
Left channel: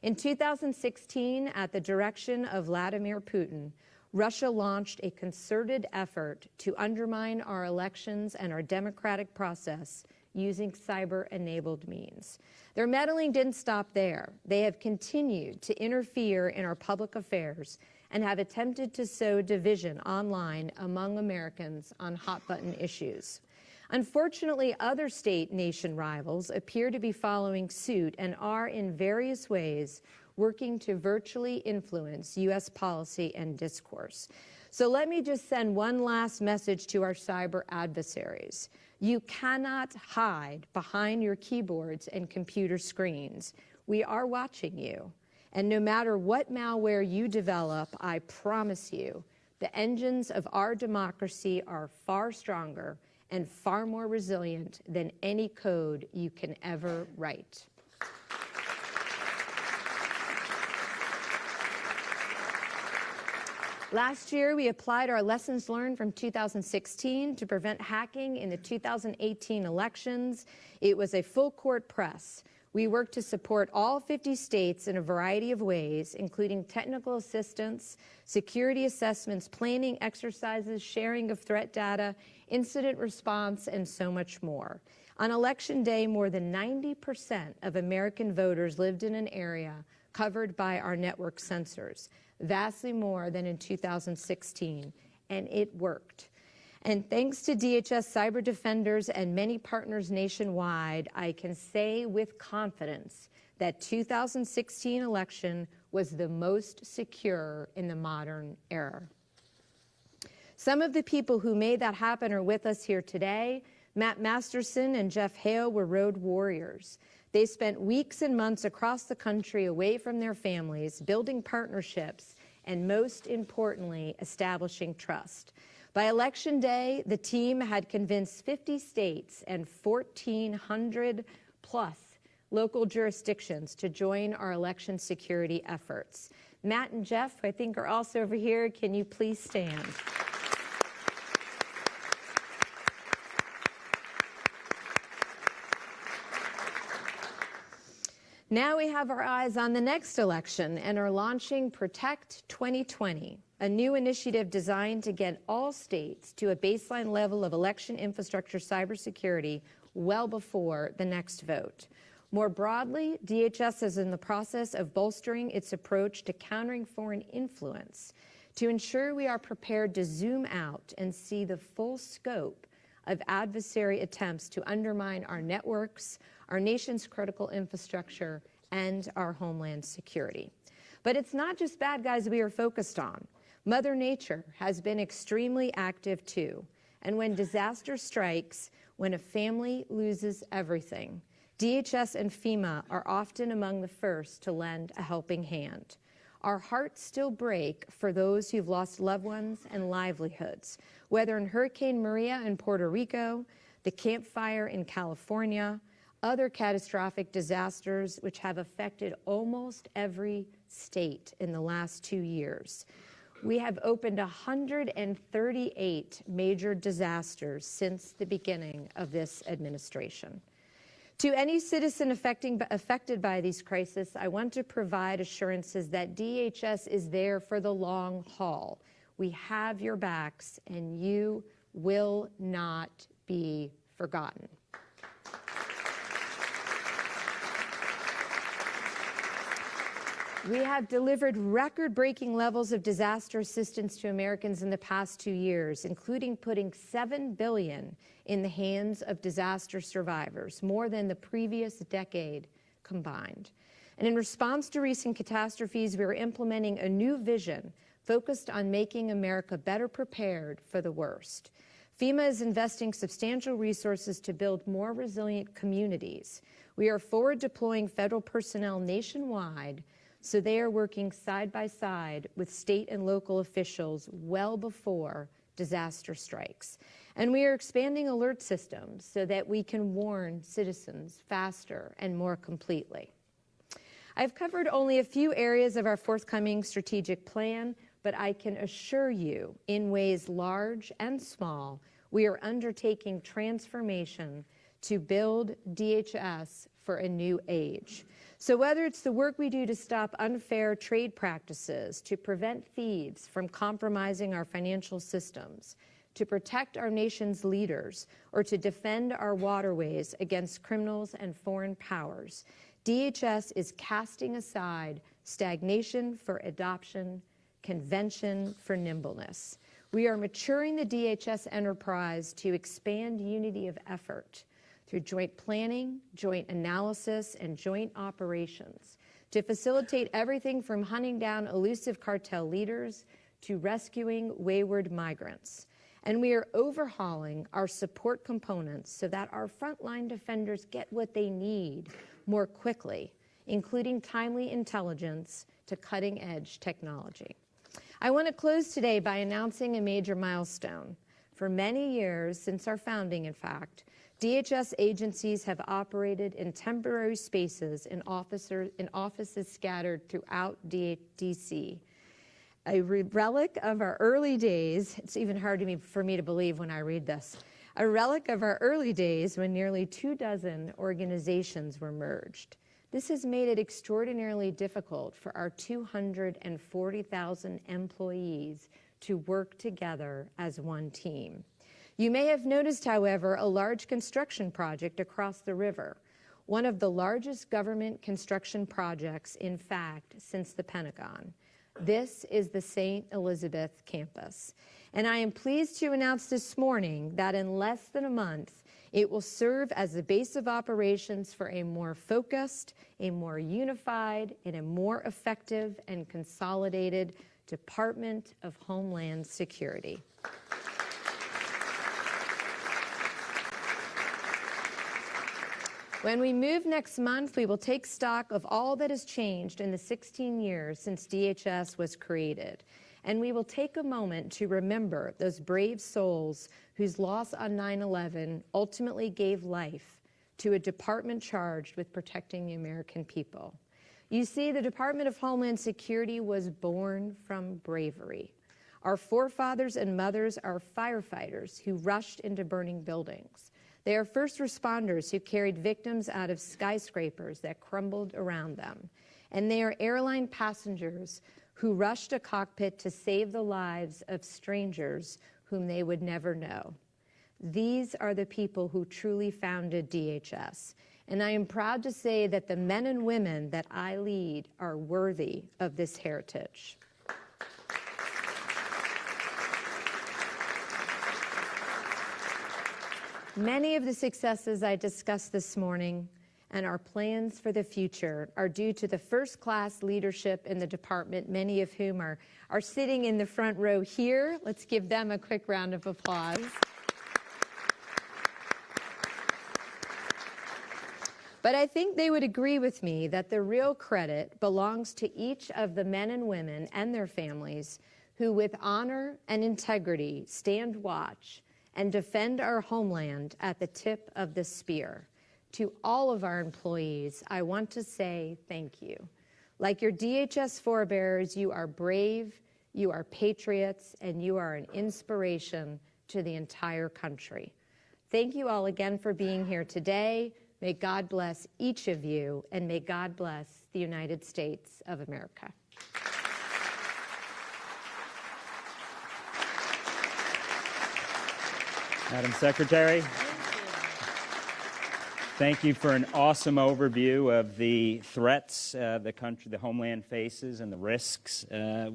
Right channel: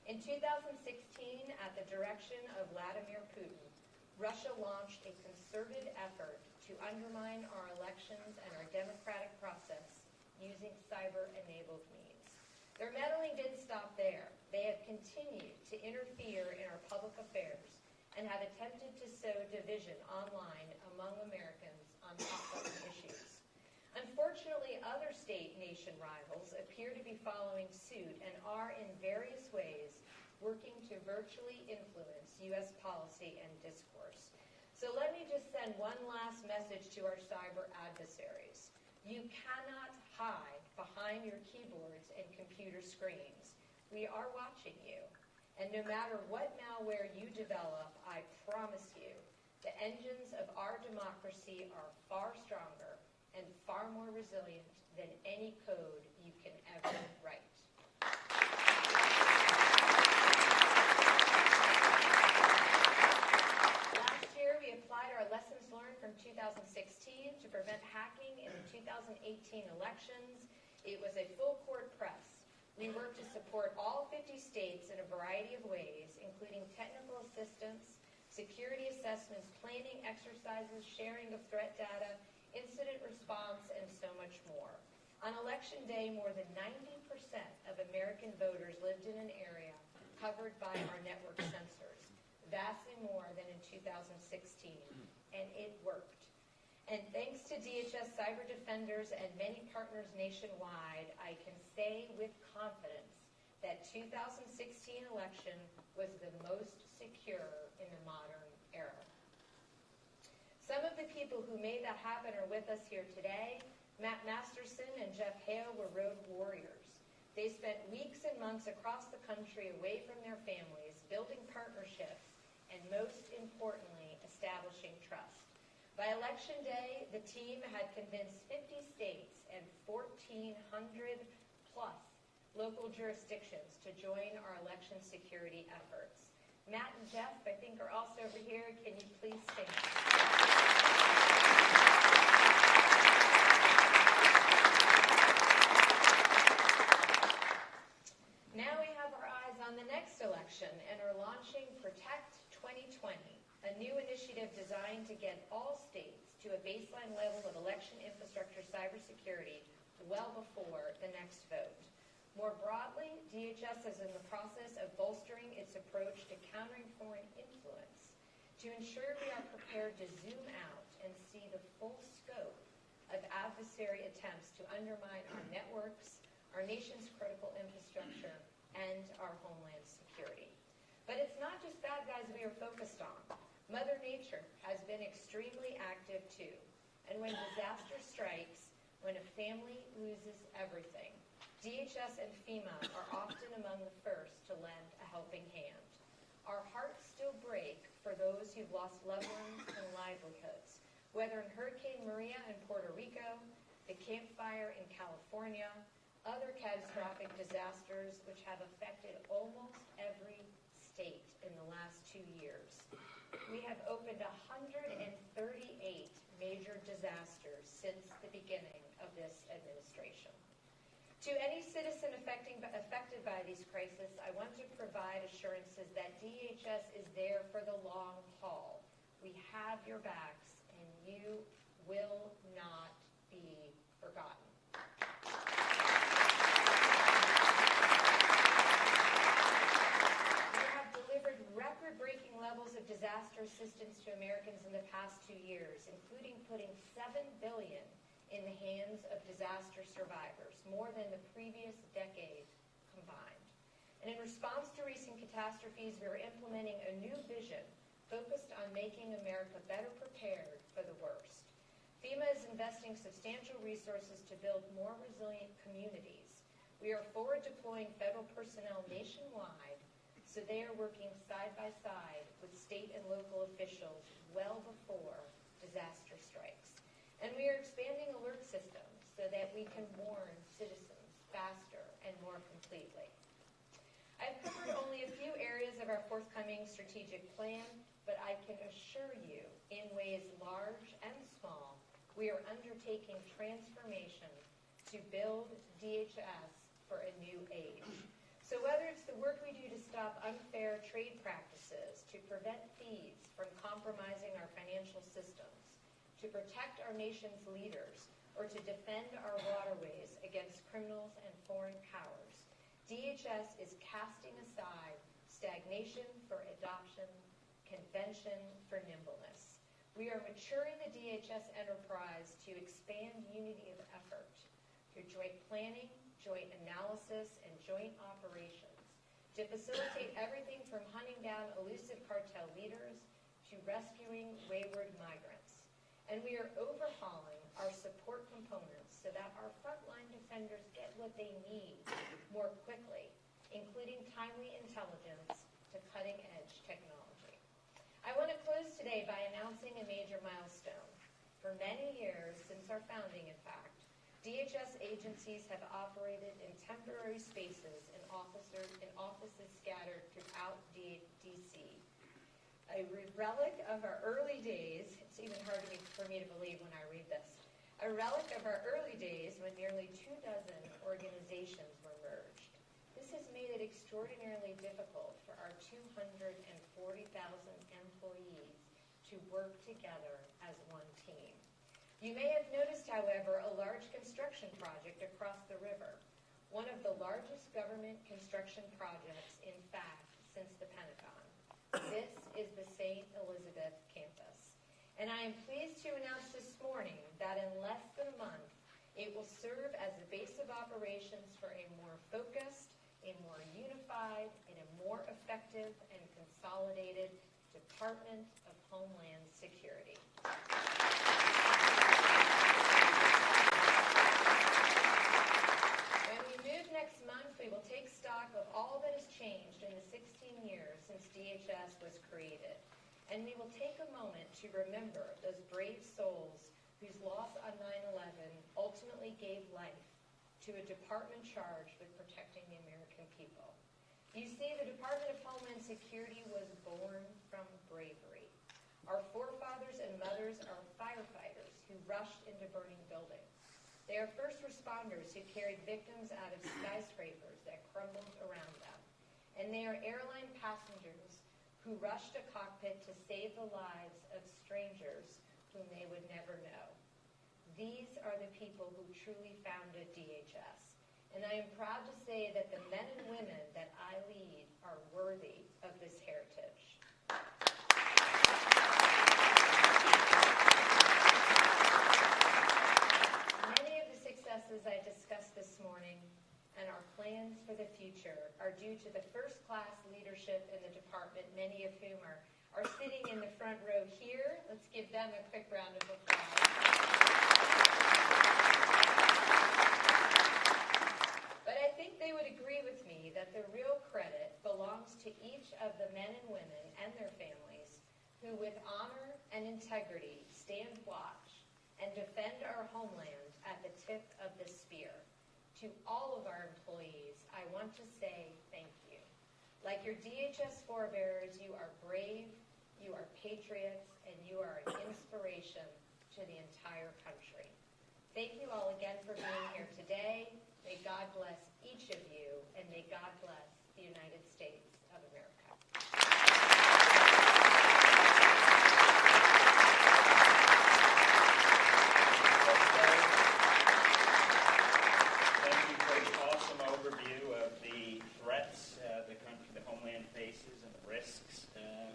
In 2016, at the direction of Vladimir Putin, Russia launched a concerted effort to undermine our elections and our democratic process using cyber-enabled means. Their meddling didn't stop there. They have continued to interfere in our public affairs and have attempted to sow division online among Americans on hot-button issues. Unfortunately, other state-nation rivals appear to be following suit and are in various ways working to virtually influence U.S. policy and discourse. So let me just send one last message to our cyber adversaries. You cannot hide behind your keyboards and computer screens. We are watching you. And no matter what malware you develop, I promise you, the engines of our democracy are far stronger and far more resilient than any code you can ever write. Last year, we applied our lessons learned from 2016 to prevent hacking in the 2018 elections. It was a full-court press. We worked to support all 50 states in a variety of ways, including technical assistance, security assessments, planning exercises, sharing of threat data, incident response, and so much more. On Election Day, more than 90% of American voters lived in an area covered by our network sensors, vastly more than in 2016, and it worked. And thanks to DHS cyber defenders and many partners nationwide, I can say with confidence that 2016 election was the most secure in the modern era. Some of the people who made that happen are with us here today. Matt Masterson and Jeff Hale were road warriors. They spent weeks and months across the country away from their families, building partnerships, and most importantly, establishing trust. By Election Day, the team had convinced 50 states and 1,400 plus local jurisdictions to join our election security efforts. Matt and Jeff, I think, are also over here. Can you please stand? Now we have our eyes on the next election and are launching Protect 2020, a new initiative designed to get all states to a baseline level of election infrastructure cybersecurity well before the next vote. More broadly, DHS is in the process of bolstering its approach to countering foreign influence to ensure we are prepared to zoom out and see the full scope of adversary attempts to undermine our networks, our nation's critical infrastructure, and our homeland security. But it's not just bad guys we are focused on. Mother Nature has been extremely active too. And when disaster strikes, when a family loses everything, DHS and FEMA are often among the first to lend a helping hand. Our hearts still break for those who've lost loved ones and livelihoods, whether in Hurricane Maria in Puerto Rico, the Camp Fire in California, other catastrophic disasters which have affected almost every state in the last 2 years. We have opened 138 major disasters since the beginning of this administration. To any citizen affected by these crises, I want to provide assurances that DHS is there for the long haul. We have your backs, and you will not be forgotten. We have delivered record-breaking levels of disaster assistance to Americans in the past 2 years, including putting $7 billion in the hands of disaster survivors, more than the previous decade combined. And in response to recent catastrophes, we are implementing a new vision focused on making America better prepared for the worst. FEMA is investing substantial resources to build more resilient communities. We are forward deploying federal personnel nationwide, so they are working side by side with state and local officials well before disaster strikes. And we are expanding alert systems so that we can warn citizens faster and more completely. I've covered only a few areas of our forthcoming strategic plan, but I can assure you, in ways large and small, we are undertaking transformation to build DHS for a new age. So whether it's the work we do to stop unfair trade practices, to prevent thieves from compromising our financial systems, to protect our nation's leaders, or to defend our waterways against criminals and foreign powers, DHS is casting aside stagnation for adoption, convention for nimbleness. We are maturing the DHS enterprise to expand unity of effort through joint planning, joint analysis, and joint operations to facilitate everything from hunting down elusive cartel leaders to rescuing wayward migrants. And we are overhauling our support components so that our frontline defenders get what they need more quickly, including timely intelligence to cutting-edge technology. I want to close today by announcing a major milestone. For many years, since our founding, in fact, DHS agencies have operated in temporary spaces in offices scattered throughout D.C. A relic of our early days, it's even hard for me to believe when I read this, a relic of our early days when nearly 24 organizations were merged. This has made it extraordinarily difficult for our 240,000 employees to work together as one team. You may have noticed, however, a large construction project across the river, one of the largest government construction projects, in fact, since the Pentagon. This is the St. Elizabeth campus. And I am pleased to announce this morning that in less than a month, it will serve as the base of operations for a more focused, a more unified, and a more effective and consolidated Department of Homeland Security. When we move next month, we will take stock of all that has changed in the 16 years since DHS was created. And we will take a moment to remember those brave souls whose loss on 9/11 ultimately gave life to a department charged with protecting the American people. You see, the Department of Homeland Security was born from bravery. Our forefathers and mothers are firefighters who rushed into burning buildings. They are first responders who carried victims out of skyscrapers that crumbled around them. And they are airline passengers who rushed a cockpit to save the lives of strangers whom they would never know. These are the people who truly founded DHS. And I am proud to say that the men and women that I lead are worthy of this heritage. Many of the successes I discussed this morning and our plans for the future are due to the first-class leadership in the department, many of whom are sitting in the front row here. Let's give them a quick round of applause. But I think they would agree with me that the real credit belongs to each of the men and women and their families who, with honor and integrity, stand watch and defend our homeland at the tip of the spear. To all of our employees, I want to say thank you. Like your DHS forebears, you are brave, you are patriots, and you are an inspiration to the entire country. Thank you all again for being here today. May God bless each of you, and may God bless the United States of America. Madam Secretary, thank you for an awesome overview of the threats the homeland faces and the risks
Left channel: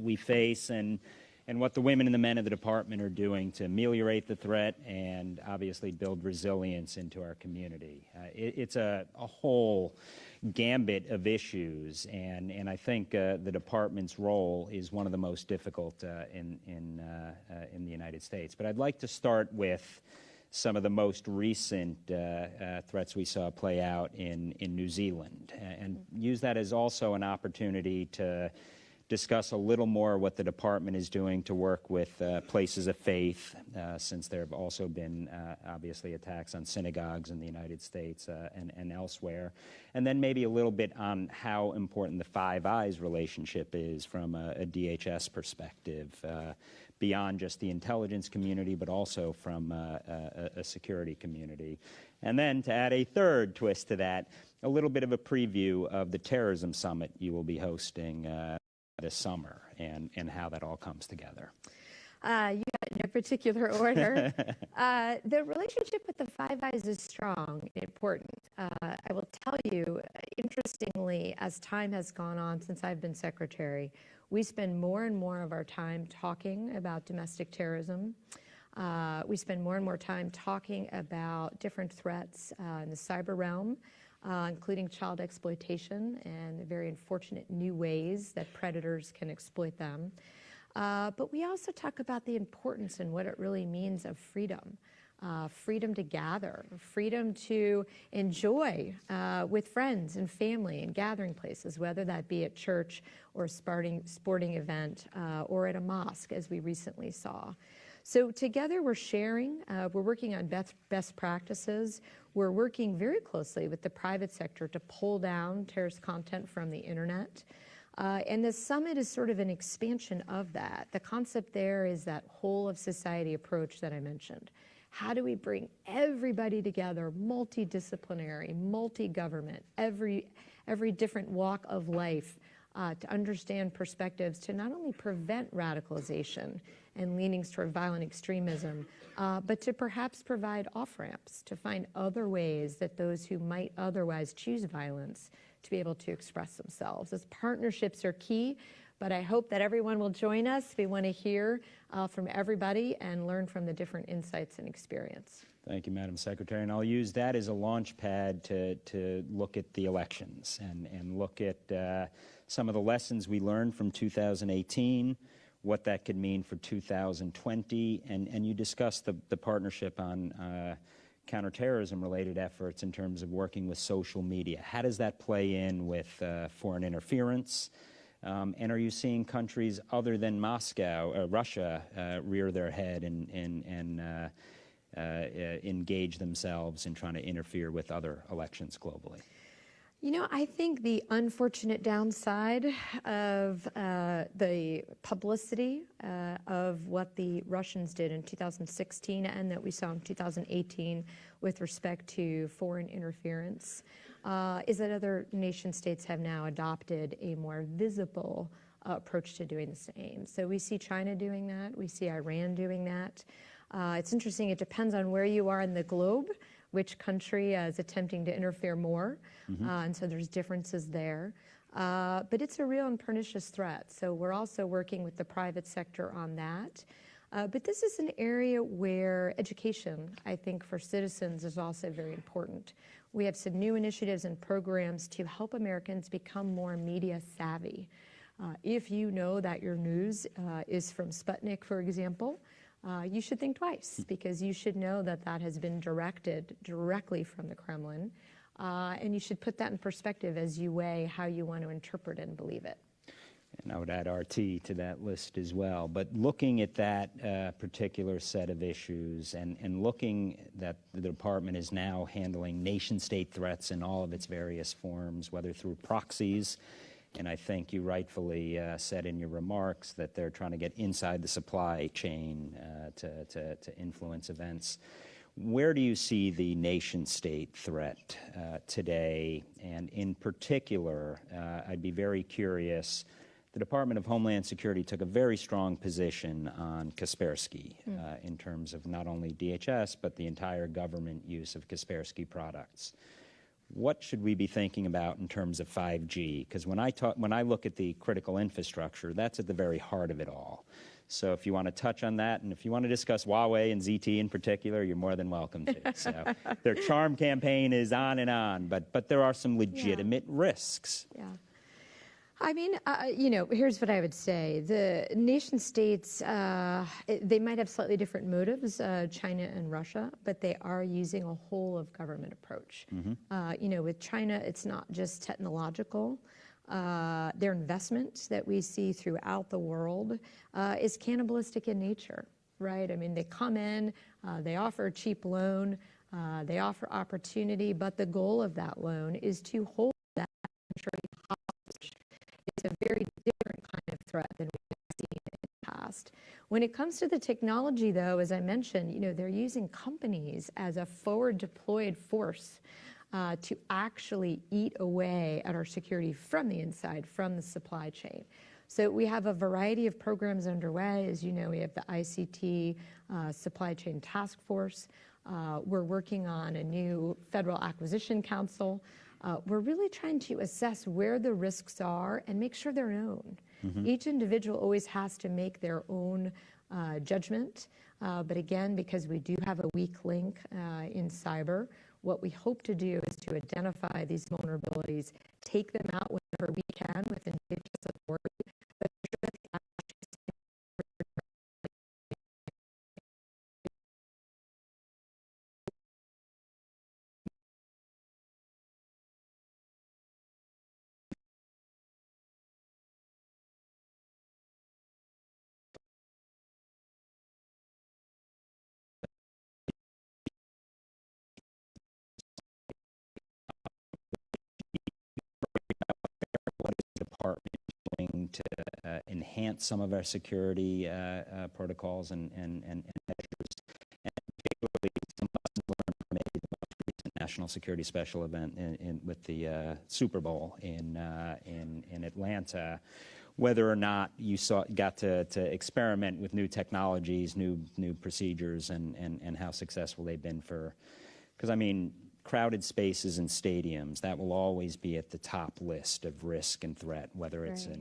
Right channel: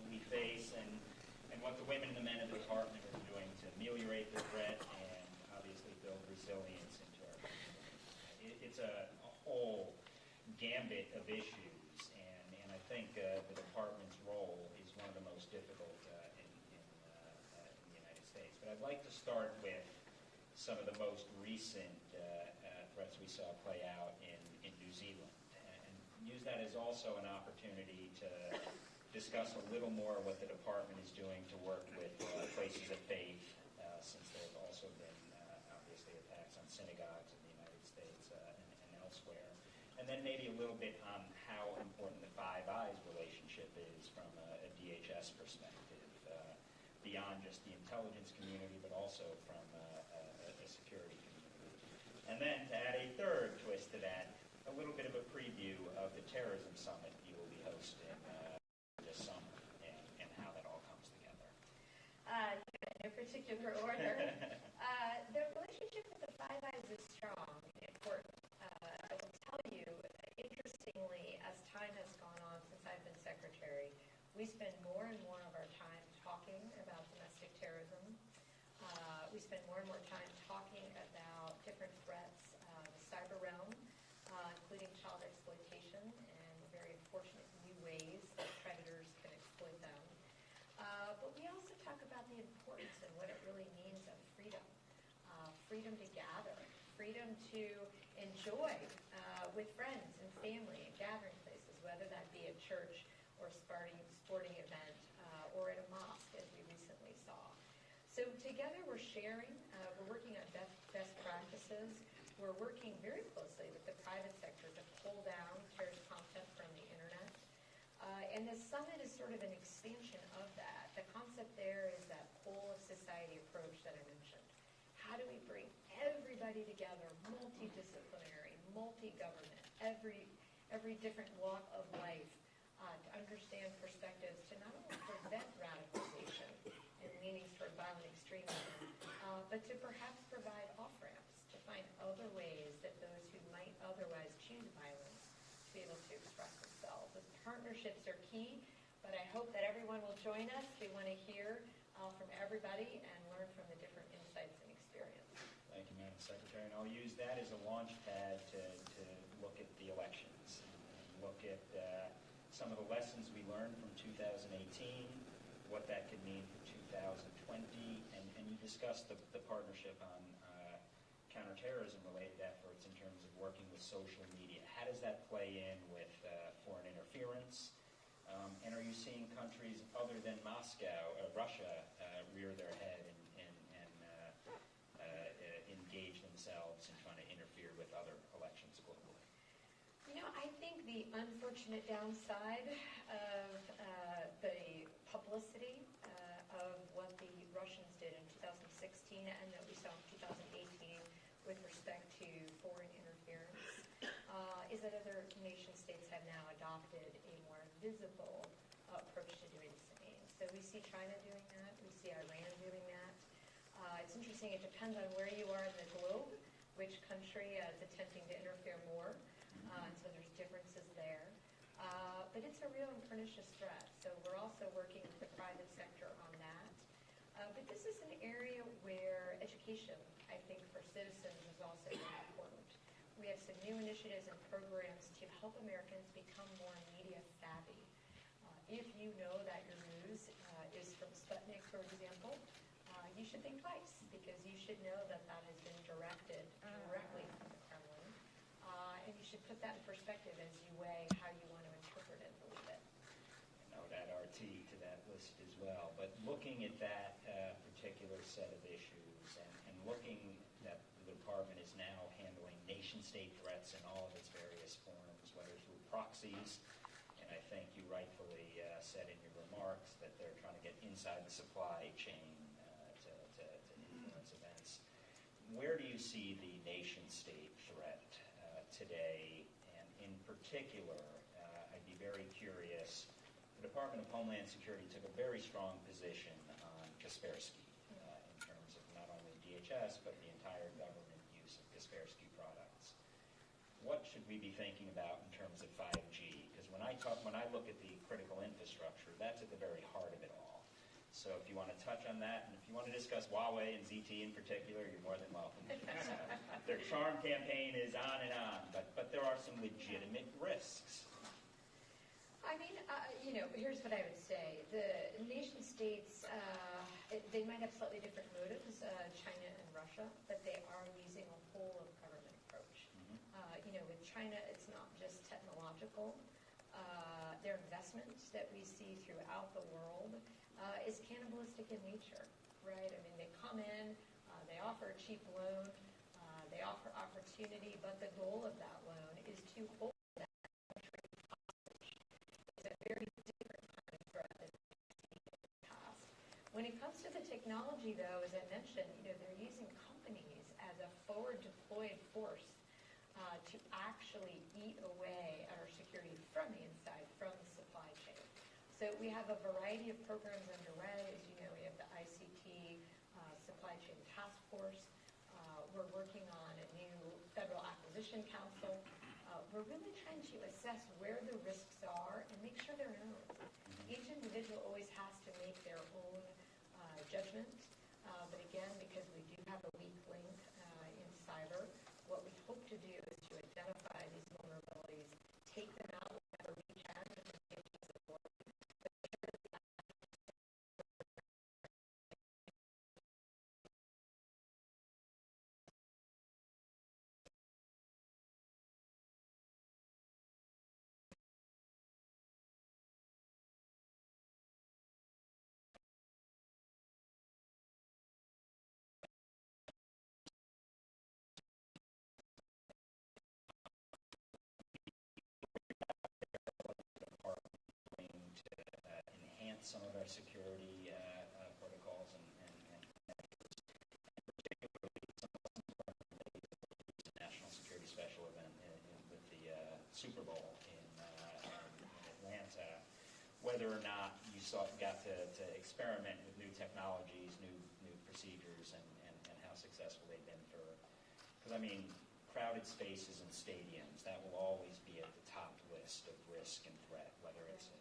we face, and what the women and the men of the department are doing to ameliorate the threat and obviously build resilience into our community. It's a whole gambit of issues, and I think the department's role is one of the most difficult in the United States. But I'd like to start with some of the most recent threats we saw play out in New Zealand, and use that as also an opportunity to discuss a little more what the department is doing to work with places of faith, since there have also been obviously attacks on synagogues in the United States and elsewhere. And then maybe a little bit on how important the Five Eyes relationship is from a DHS perspective, beyond just the intelligence community, but also from a security community. And then to add a third twist to that, a little bit of a preview of the terrorism summit you will be hosting this summer, and how that all comes together. You got it in no particular order. The relationship with the Five Eyes is strong and important. I will tell you, interestingly, as time has gone on since I've been secretary, we spend more and more of our time talking about domestic terrorism. We spend more and more time talking about different threats in the cyber realm, including child exploitation and very unfortunate new ways that predators can exploit them. But we also talk about the importance and what it really means of freedom. Freedom to gather, freedom to enjoy with friends and family in gathering places, whether that be at church or a sporting event or at a mosque, as we recently saw. So together we're sharing, we're working on best practices. We're working very closely with the private sector to pull down terrorist content from the internet. And the summit is sort of an expansion of that. The concept there is that whole of society approach that I mentioned. How do we bring everybody together, multidisciplinary, multi-government, every different walk of life, to understand perspectives to not only prevent radicalization and leanings toward violent extremism, but to perhaps provide off-ramps, to find other ways that those who might otherwise choose violence to be able to express themselves. Those partnerships are key, but I hope that everyone will join us. We want to hear from everybody and learn from the different insights and experience. Thank you, Madam Secretary. And I'll use that as a launch pad to look at the elections and look at some of the lessons we learned from 2018, what that could mean for 2020, and you discussed the partnership on counterterrorism-related efforts in terms of working with social media. How does that play in with foreign interference? And are you seeing countries other than Moscow, Russia, rear their head and engage themselves in trying to interfere with other elections globally? You know, I think the unfortunate downside of the publicity of what the Russians did in 2016 and that we saw in 2018 with respect to foreign interference is that other nation states have now adopted a more visible approach to doing the same. So we see China doing that. We see Iran doing that. It's interesting. It depends on where you are in the globe, which country is attempting to interfere more. And so there's differences there. But it's a real and pernicious threat. So we're also working with the private sector on that. But this is an area where education, I think, for citizens is also very important. We have some new initiatives and programs to help Americans become more media savvy. If you know that your news is from Sputnik, for example, you should think twice, because you should know that that has been directed directly from the Kremlin, and you should put that in perspective as you weigh how you want to interpret and believe it. And I would add RT to that list as well. But looking at that particular set of issues and looking that the department is now handling nation-state threats in all of its various forms, whether through proxies, and I think you rightfully said in your remarks that they're trying to get inside the supply chain to influence events. Where do you see the nation-state threat today? And in particular, I'd be very curious. The Department of Homeland Security took a very strong position on Kaspersky in terms of not only DHS, but the entire government use of Kaspersky products. What should we be thinking about in terms of 5G? Because when I look at the critical infrastructure, that's at the very heart of it all. So if you want to touch on that, and if you want to discuss Huawei and ZT in particular, you're more than welcome to. So their charm campaign is on, but there are some legitimate risks. Yeah. I mean, here's what I would say. The nation states, they might have slightly different motives, China and Russia, but they are using a whole of government approach. With China, it's not just technological. Their investment that we see throughout the world is cannibalistic in nature, right? I mean, they come in, they offer a cheap loan, they offer opportunity, but the goal of that loan is to hold that country hostage. It's a very different kind of threat than we've seen in the past. When it comes to the technology, though, as I mentioned, they're using companies as a forward deployed force to actually eat away at our security from the inside, from the supply chain. So we have a variety of programs underway. As you know, we have the ICT Supply Chain Task Force. We're working on a new Federal Acquisition Council. We're really trying to assess where the risks are and make sure they're known. Each individual always has to make their own judgment. But again, because we do have a weak link in cyber, what we hope to do is to identify these vulnerabilities, take them out whenever we can within DHS authority, but ensure that the Department doing to enhance some of our security protocols and measures, and particularly some lessons learned from maybe the most recent National Security Special event with the Super Bowl in Atlanta, whether or not you got to experiment with new technologies, new procedures, and how successful they've been because I mean, crowded spaces and stadiums, that will always be at the top list of risk and threat, whether it's in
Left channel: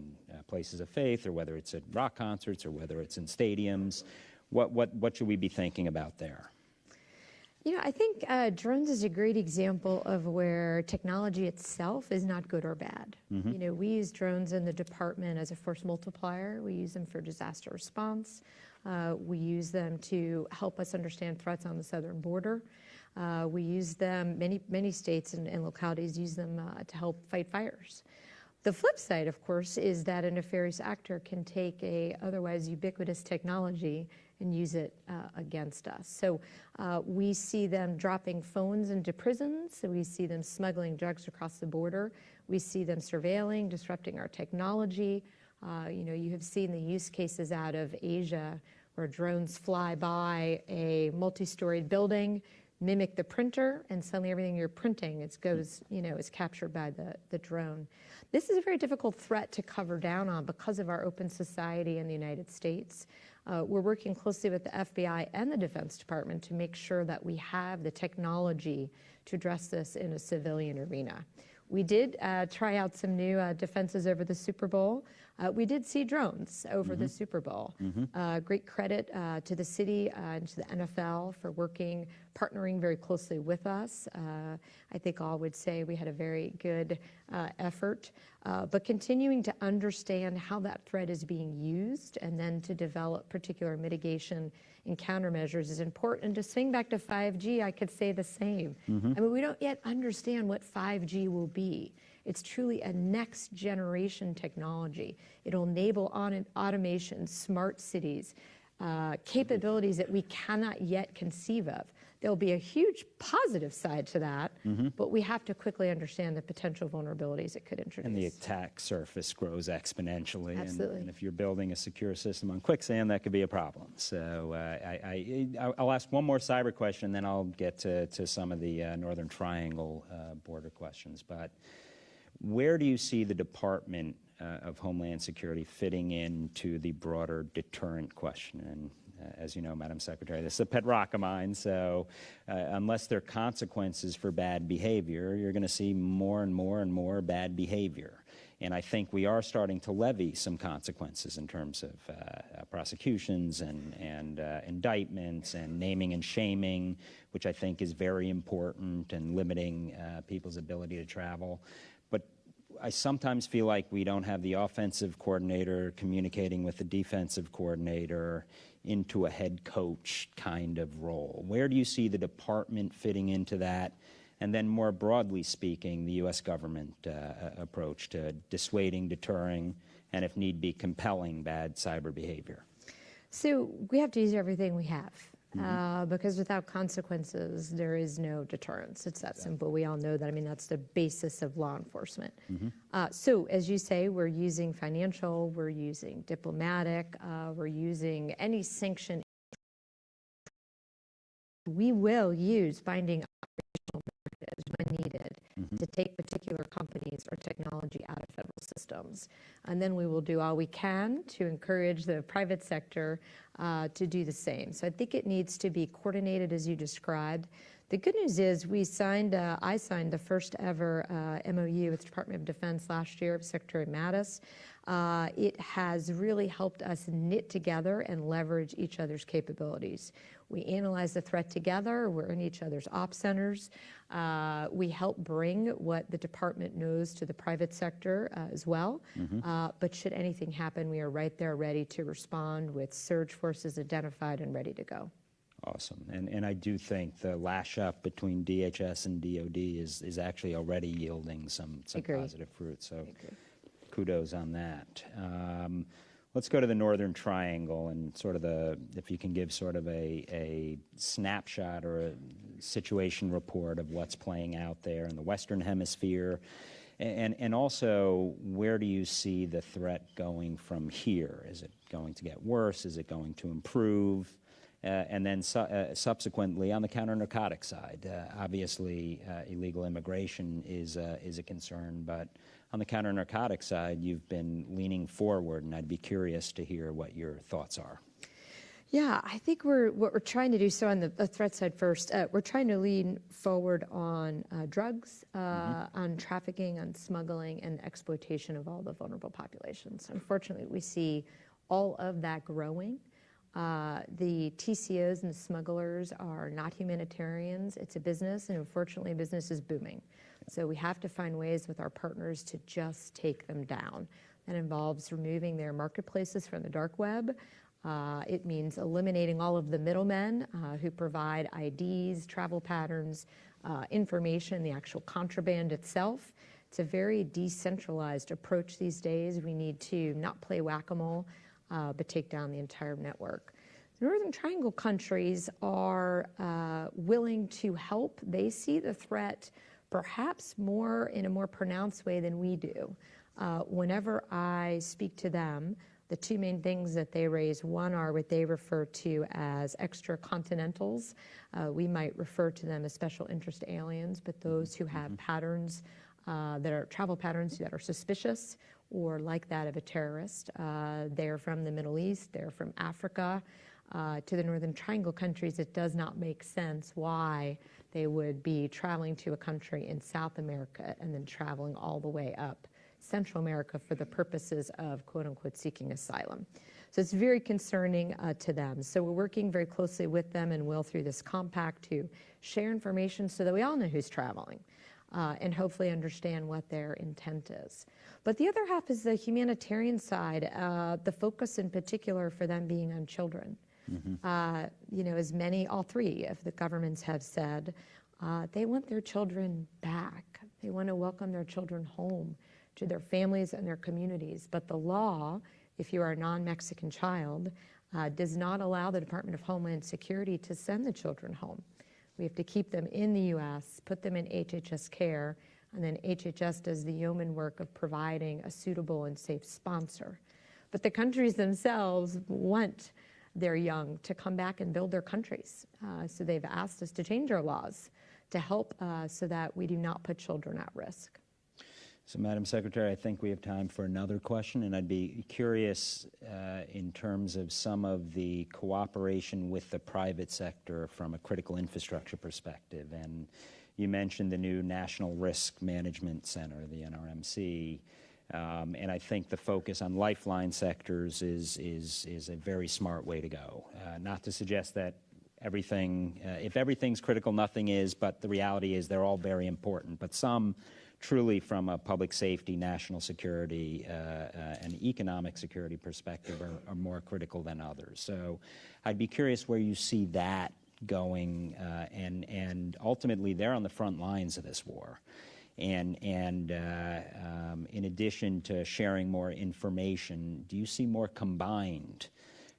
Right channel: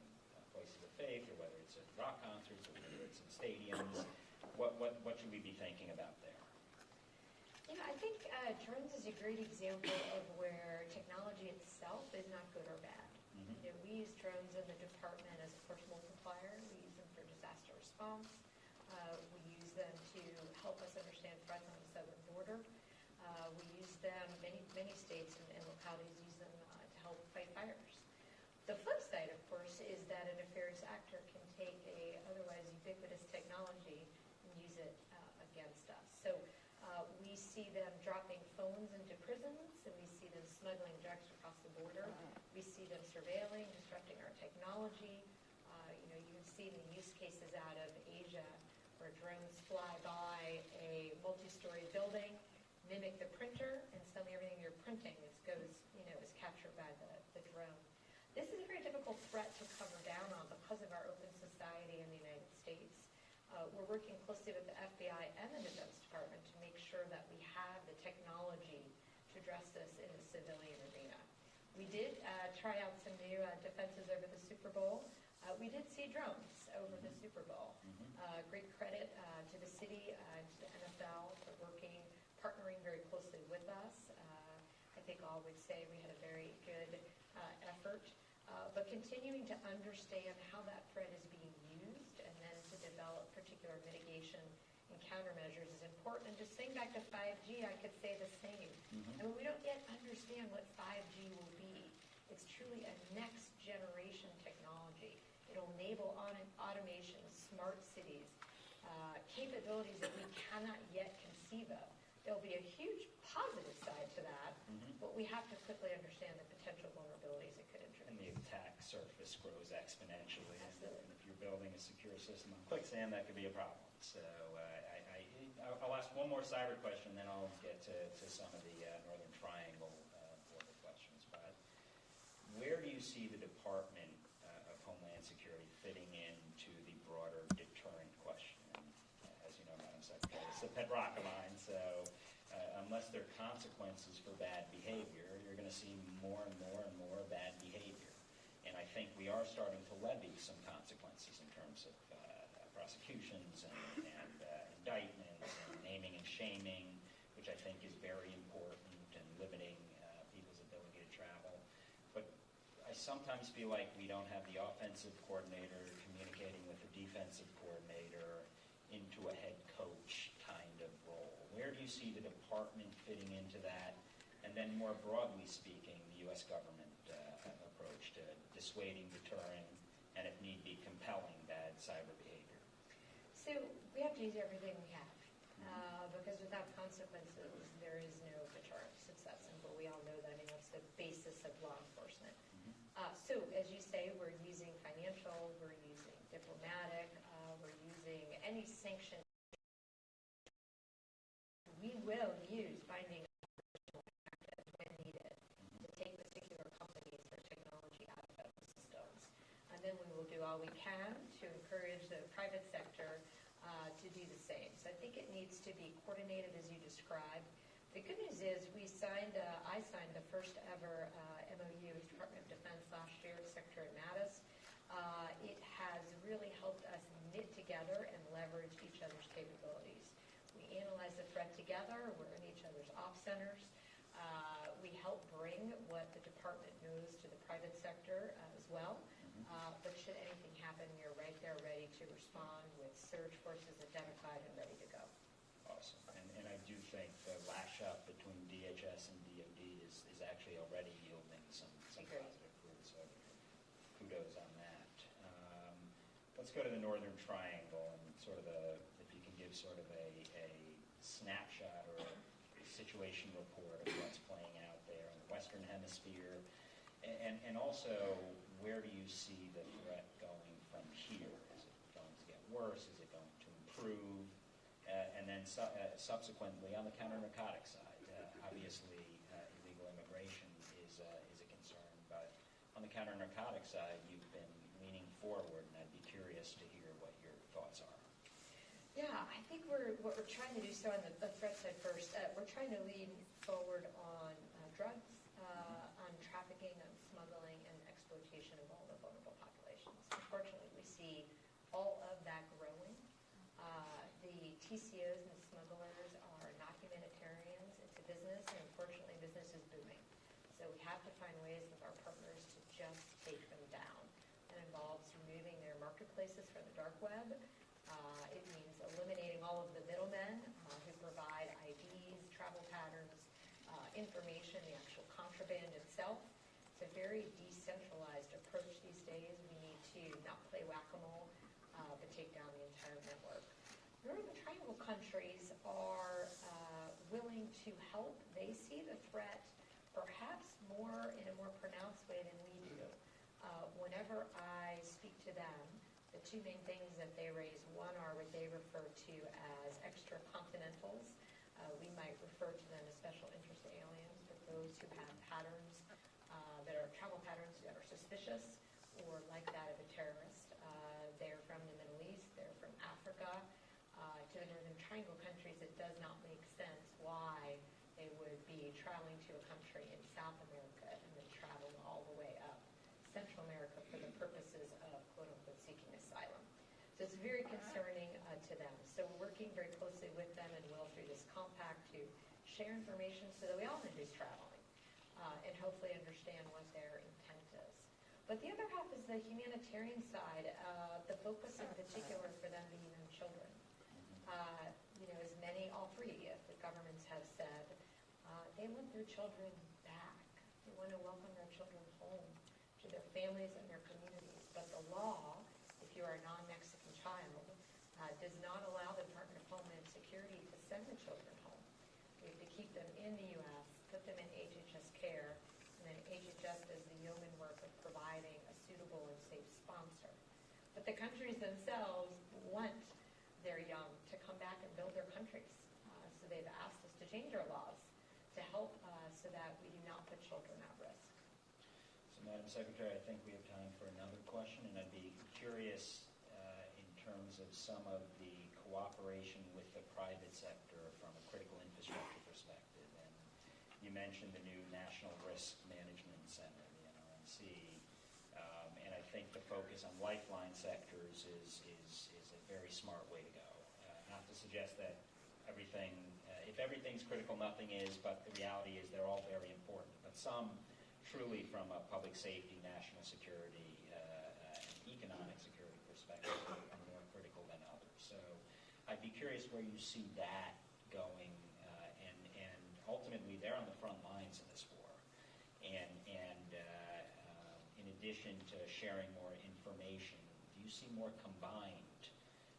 places of faith or whether it's at rock concerts or whether it's in stadiums. What should we be thinking about there? I think drones is a great example of where technology itself is not good or bad. We use drones in the department as a force multiplier. We use them for disaster response. We use them to help us understand threats on the southern border. We use them, many states and localities use them to help fight fires. The flip side, of course, is that a nefarious actor can take a otherwise ubiquitous technology and use it against us. So we see them dropping phones into prisons. So we see them smuggling drugs across the border. We see them surveilling, disrupting our technology. You have seen the use cases out of Asia where drones fly by a multi-storied building, mimic the printer, and suddenly everything you're printing is captured by the drone. This is a very difficult threat to cover down on because of our open society in the United States. We're working closely with the FBI and the Defense Department to make sure that we have the technology to address this in a civilian arena. We did try out some new defenses over the Super Bowl. We did see drones over the Super Bowl. Great credit to the city and to the NFL for partnering very closely with us. I think all would say we had a very good effort, but continuing to understand how that threat is being used and then to develop particular mitigation and countermeasures is important. And to swing back to 5G, I could say the same. I mean, we don't yet understand what 5G will be. It's truly a next generation technology. It'll enable automation, smart cities, capabilities that we cannot yet conceive of. There'll be a huge positive side to that, but we have to quickly understand the potential vulnerabilities it could introduce. And the attack surface grows exponentially. Absolutely. And if you're building a secure system on quicksand, that could be a problem. So I'll ask one more cyber question, then I'll get to some of the Northern Triangle border questions. But where do you see the Department of Homeland Security fitting into the broader deterrent question? And as you know, Madam Secretary, this is a pet rock of mine, so unless there are consequences for bad behavior, you're going to see more and more and more bad behavior. And I think we are starting to levy some consequences in terms of prosecutions and indictments and naming and shaming, which I think is very important, and limiting people's ability to travel. But I sometimes feel like we don't have the offensive coordinator communicating with the defensive coordinator into a head coach kind of role. Where do you see the department fitting into that? And then more broadly speaking, the U.S. government approach to dissuading, deterring, and if need be, compelling bad cyber behavior? So we have to use everything we have. Because without consequences, there is no deterrence. It's that simple. We all know that. I mean, that's the basis of law enforcement. So as you say, we're using financial, we're using diplomatic, we're using any sanction. We will use binding operational directives when needed to take particular companies or technology out of federal systems. And then we will do all we can to encourage the private sector to do the same. So I think it needs to be coordinated as you described. The good news is I signed the first ever MOU with the Department of Defense last year with Secretary Mattis. It has really helped us knit together and leverage each other's capabilities. We analyze the threat together. We're in each other's op centers. We help bring what the department knows to the private sector as well. But should anything happen, we are right there ready to respond with surge forces identified and ready to go. Awesome. And I do think the lash up between DHS and DOD is actually already yielding some positive fruit. So kudos on that. Let's go to the Northern Triangle and sort of if you can give sort of a snapshot or a situation report of what's playing out there in the Western Hemisphere, and also where do you see the threat going from here? Is it going to get worse? Is it going to improve? And then subsequently on the counter-narcotic side, obviously illegal immigration is a concern, but on the counter-narcotic side, you've been leaning forward, and I'd be curious to hear what your thoughts are. Yeah, I think what we're trying to do, so on the threat side first, we're trying to lean forward on drugs, on trafficking, on smuggling, and exploitation of all the vulnerable populations. Unfortunately, we see all of that growing. The TCOs and the smugglers are not humanitarians. It's a business, and unfortunately, business is booming. So we have to find ways with our partners to just take them down. That involves removing their marketplaces from the dark web. It means eliminating all of the middlemen who provide IDs, travel patterns, information, the actual contraband itself. It's a very decentralized approach these days. We need to not play whack-a-mole, but take down the entire network. The Northern Triangle countries are willing to help. They see the threat perhaps in a more pronounced way than we do. Whenever I speak to them, the two main things that they raise, one are what they refer to as extracontinentals. We might refer to them as special interest aliens, but those who have patterns that are travel patterns that are suspicious or like that of a terrorist. They're from the Middle East, they're from Africa. To the Northern Triangle countries, it does not make sense why they would be traveling to a country in South America and then traveling all the way up Central America for the purposes of quote-unquote seeking asylum. So it's very concerning to them. So we're working very closely with them and will through this compact to share information so that we all know who's traveling and hopefully understand what their intent is. But the other half is the humanitarian side, the focus in particular for them being on children. You know, as many, all three of the governments have said, they want their children back. They want to welcome their children home to their families and their communities. But the law, if you are a non-Mexican child, does not allow the Department of Homeland Security to send the children home. We have to keep them in the U.S., put them in HHS care, and then HHS does the yeoman work of providing a suitable and safe sponsor. But the countries themselves want their young to come back and build their countries. So they've asked us to change our laws to help so that we do not put children at risk. So, Madam Secretary, I think we have time for another question, and I'd be curious in terms of some of the cooperation with the private sector from a critical infrastructure perspective. And you mentioned the new National Risk Management Center, the NRMC, and I think the focus on lifeline sectors is a very smart way to go. Not to suggest that everything, if everything's critical, nothing is, but the reality is they're all very important. But some truly from a public safety, national security, and economic security perspective are more critical than others. So I'd be curious where you see that going, and ultimately they're on the front lines of this war. And in addition to sharing more information, do you see more combined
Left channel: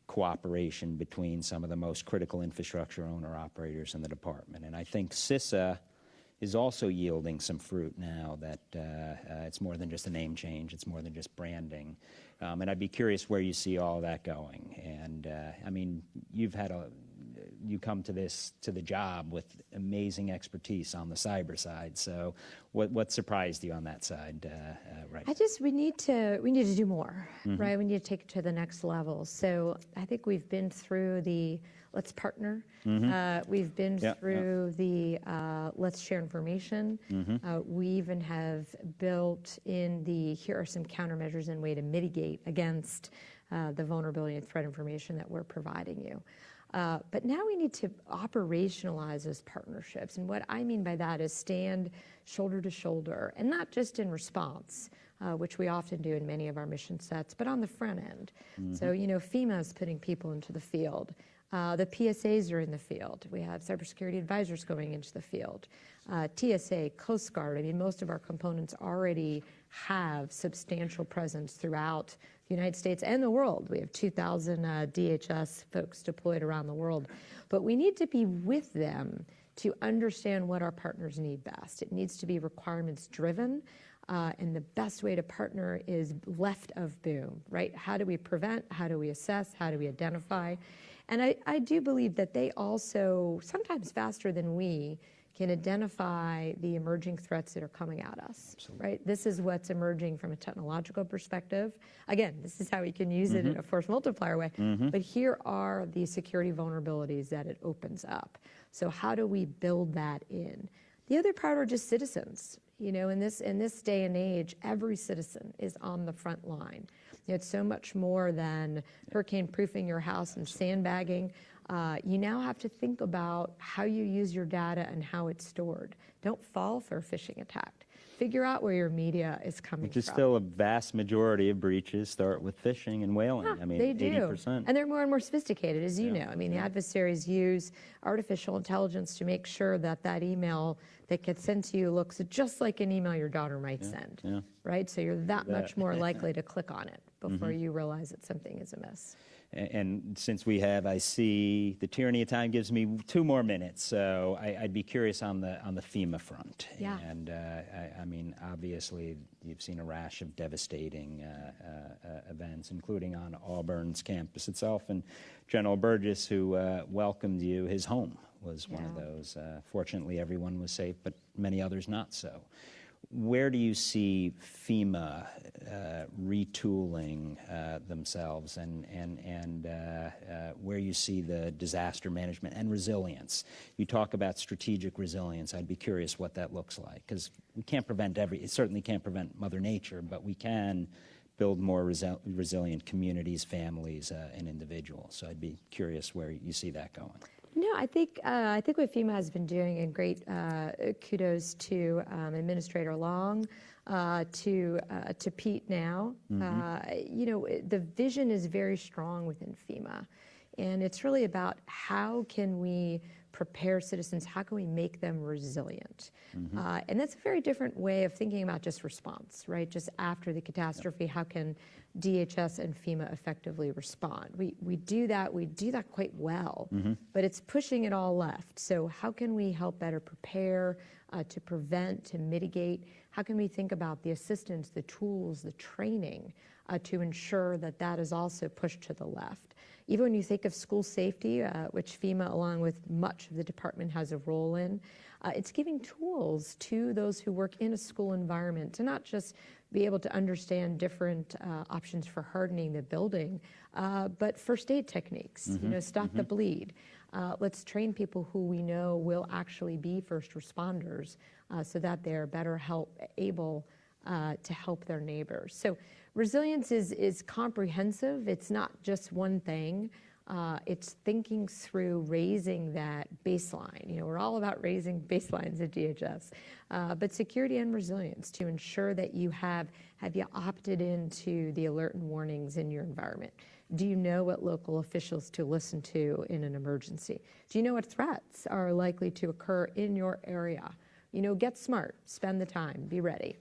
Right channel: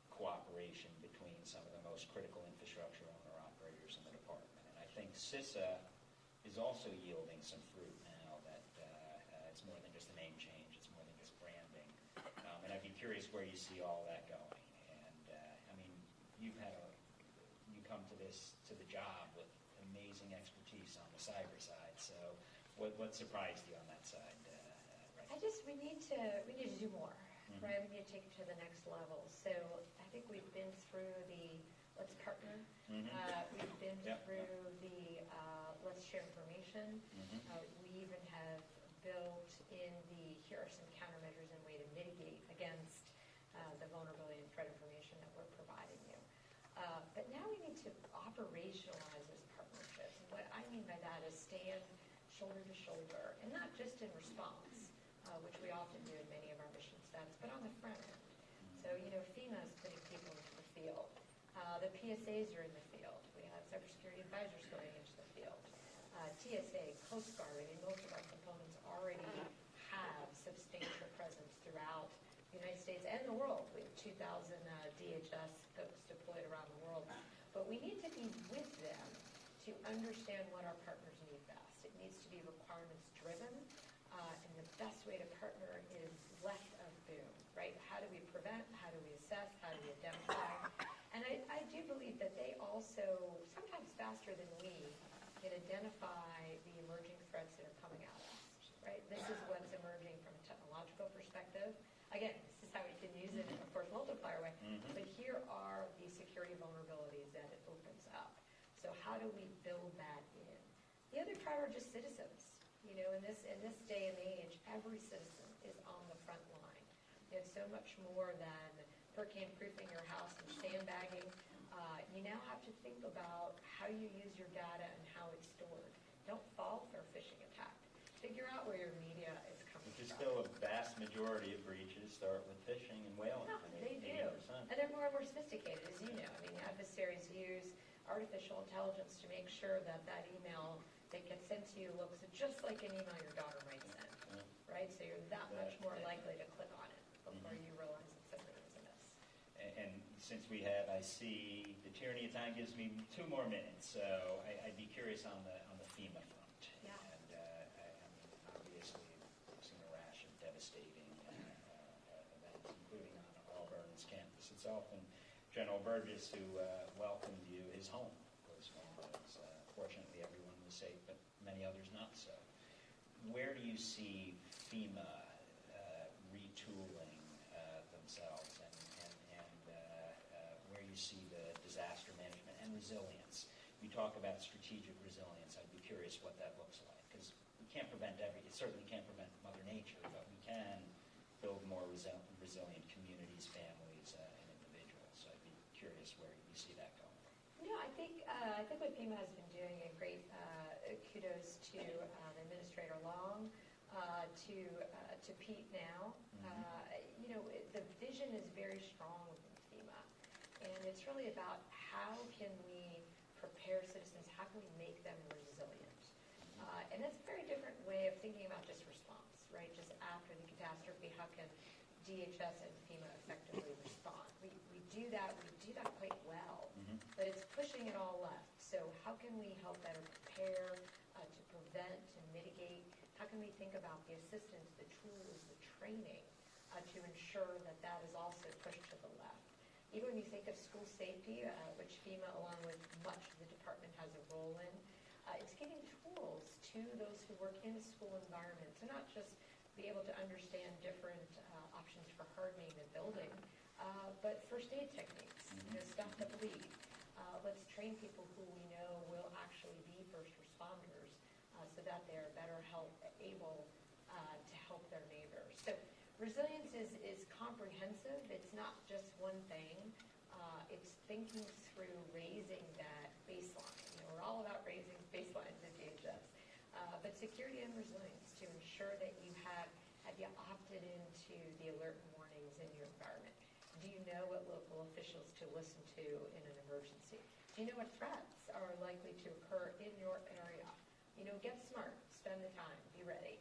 cooperation between some of the most critical infrastructure owner-operators in the department? And I think CISA is also yielding some fruit now that it's more than just a name change, it's more than just branding. And I'd be curious where you see all of that going. And I mean, you come to the job with amazing expertise on the cyber side. So what surprised you on that side, right? We need to do more, right? We need to take it to the next level. So I think we've been through the let's partner. We've been through the let's share information. We even have built in the here are some countermeasures and way to mitigate against the vulnerability and threat information that we're providing you. But now we need to operationalize those partnerships. And what I mean by that is stand shoulder to shoulder, and not just in response, which we often do in many of our mission sets, but on the front end. So, you know, FEMA is putting people into the field. The PSAs are in the field. We have cybersecurity advisors going into the field. TSA, Coast Guard, I mean, most of our components already have substantial presence throughout the United States and the world. We have 2,000 DHS folks deployed around the world. But we need to be with them to understand what our partners need best. It needs to be requirements driven. And the best way to partner is left of boom, right? How do we prevent? How do we assess? How do we identify? And I do believe that they also, sometimes faster than we, can identify the emerging threats that are coming at us, right? This is what's emerging from a technological perspective. Again, this is how we can use it in a force multiplier way. But here are the security vulnerabilities that it opens up. So how do we build that in? The other part are just citizens. You know, in this day and age, every citizen is on the front line. You know, it's so much more than hurricane-proofing your house and sandbagging. You now have to think about how you use your data and how it's stored. Don't fall for a phishing attack. Figure out where your media is coming from. Which is still a vast majority of breaches start with phishing and whaling. I mean, they do. 80%. And they're more and more sophisticated, as you know. I mean, the adversaries use artificial intelligence to make sure that that email that gets sent to you looks just like an email your daughter might send, right? So you're that much more likely to click on it before you realize that something is amiss. And since I see the tyranny of time gives me 2 more minutes, so I'd be curious on the FEMA front. Yeah. And I mean, obviously, you've seen a rash of devastating events, including on Auburn's campus itself. And General Burgess, who welcomed you, his home was one of those. Fortunately, everyone was safe, but many others not so. Where do you see FEMA retooling themselves, and where you see the disaster management and resilience. You talk about strategic resilience. I'd be curious what that looks like, because we can't prevent it certainly can't prevent Mother Nature, but we can build more resilient communities, families, and individuals. So I'd be curious where you see that going. No, I think what FEMA has been doing, and great kudos to Administrator Long, to Pete now. You know, the vision is very strong within FEMA, and it's really about how can we prepare citizens, how can we make them resilient? And that's a very different way of thinking about just response, right? Just after the catastrophe, how can DHS and FEMA effectively respond? We do that quite well, but it's pushing it all left. So how can we help better prepare, to prevent, to mitigate? How can we think about the assistance, the tools, the training, to ensure that that is also pushed to the left? Even when you think of school safety, which FEMA, along with much of the department, has a role in, it's giving tools to those who work in a school environment to not just be able to understand different options for hardening the building, but first aid techniques, you know, stop the bleed. Let's train people who we know will actually be first responders, so that they're better able to help their neighbors. So resilience is comprehensive. It's not just one thing. It's thinking through raising that baseline. You know, we're all about raising baselines at DHS, but security and resilience to ensure that have you opted into the alert and warnings in your environment? Do you know what local officials to listen to in an emergency? Do you know what threats are likely to occur in your area? You know, get smart, spend the time, be ready.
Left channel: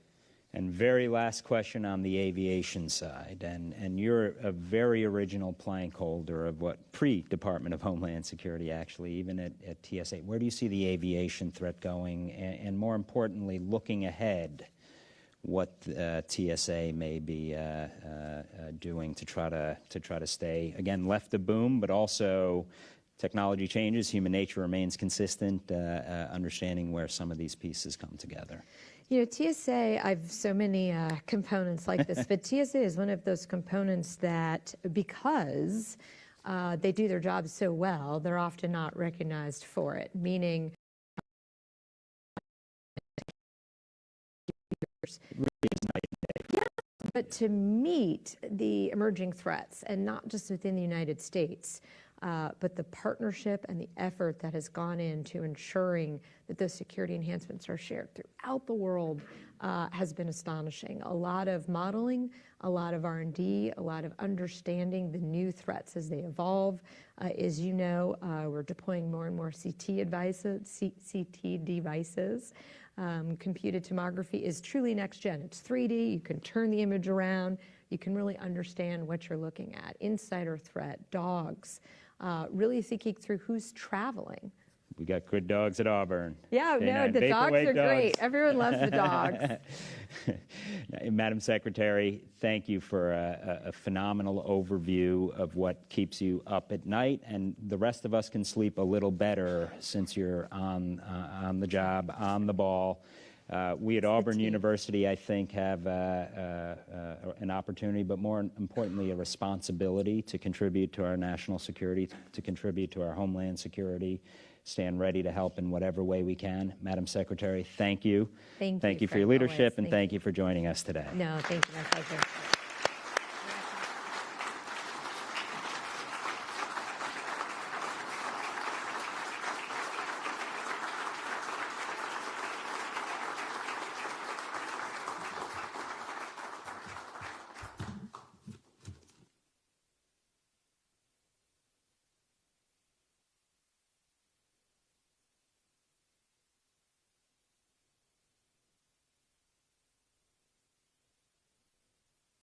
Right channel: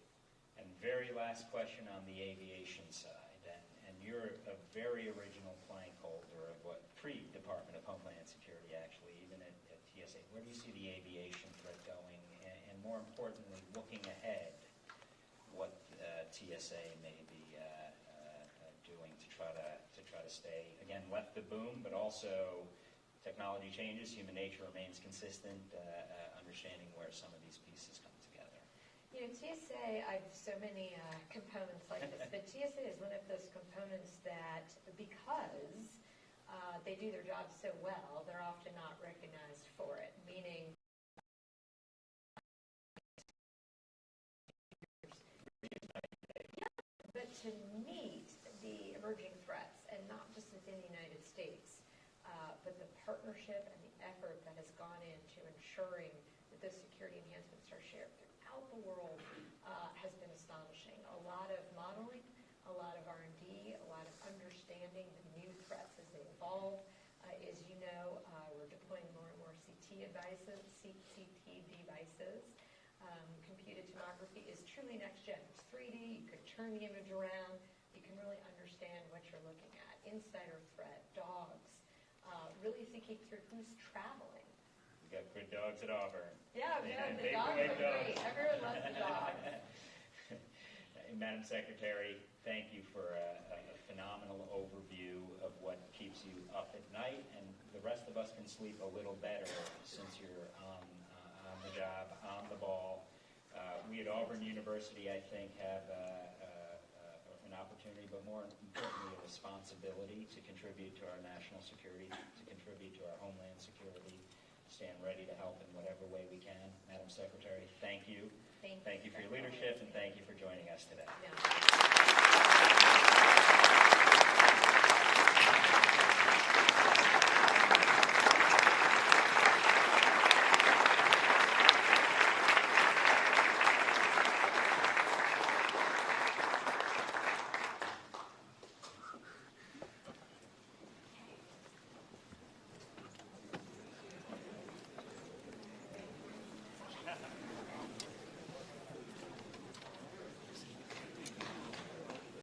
And very last question on the aviation side, and you're a very original plank holder of what pre-Department of Homeland Security, actually, even at TSA. Where do you see the aviation threat going, and more importantly, looking ahead, what TSA may be doing to try to stay, again, left of boom, but also technology changes, human nature remains consistent, understanding where some of these pieces come together? You know, TSA, I've so many components like this, but TSA is one of those components that, because they do their job so well, they're often not recognized for it, meaning yeah, but to meet the emerging threats, and not just within the United States, but the partnership and the effort that has gone into ensuring that those security enhancements are shared throughout the world has been astonishing. A lot of modeling, a lot of R&D, a lot of understanding the new threats as they evolve. As you know, we're deploying more and more CT devices. Computed tomography is truly next gen. It's 3D. You can turn the image around. You can really understand what you're looking at. Insider threat, dogs. Really thinking through who's traveling. We got good dogs at Auburn. Yeah, no, the dogs are great. Everyone loves the dogs. Madam Secretary, thank you for a phenomenal overview of what keeps you up at night, and the rest of us can sleep a little better since you're on the job, on the ball. We at Auburn University, I think, have an opportunity, but more importantly, a responsibility to contribute to our national security, to contribute to our homeland security, stand ready to help in whatever way we can. Madam Secretary, thank you. Thank you for your leadership, and thank you for joining us today. No, thank you.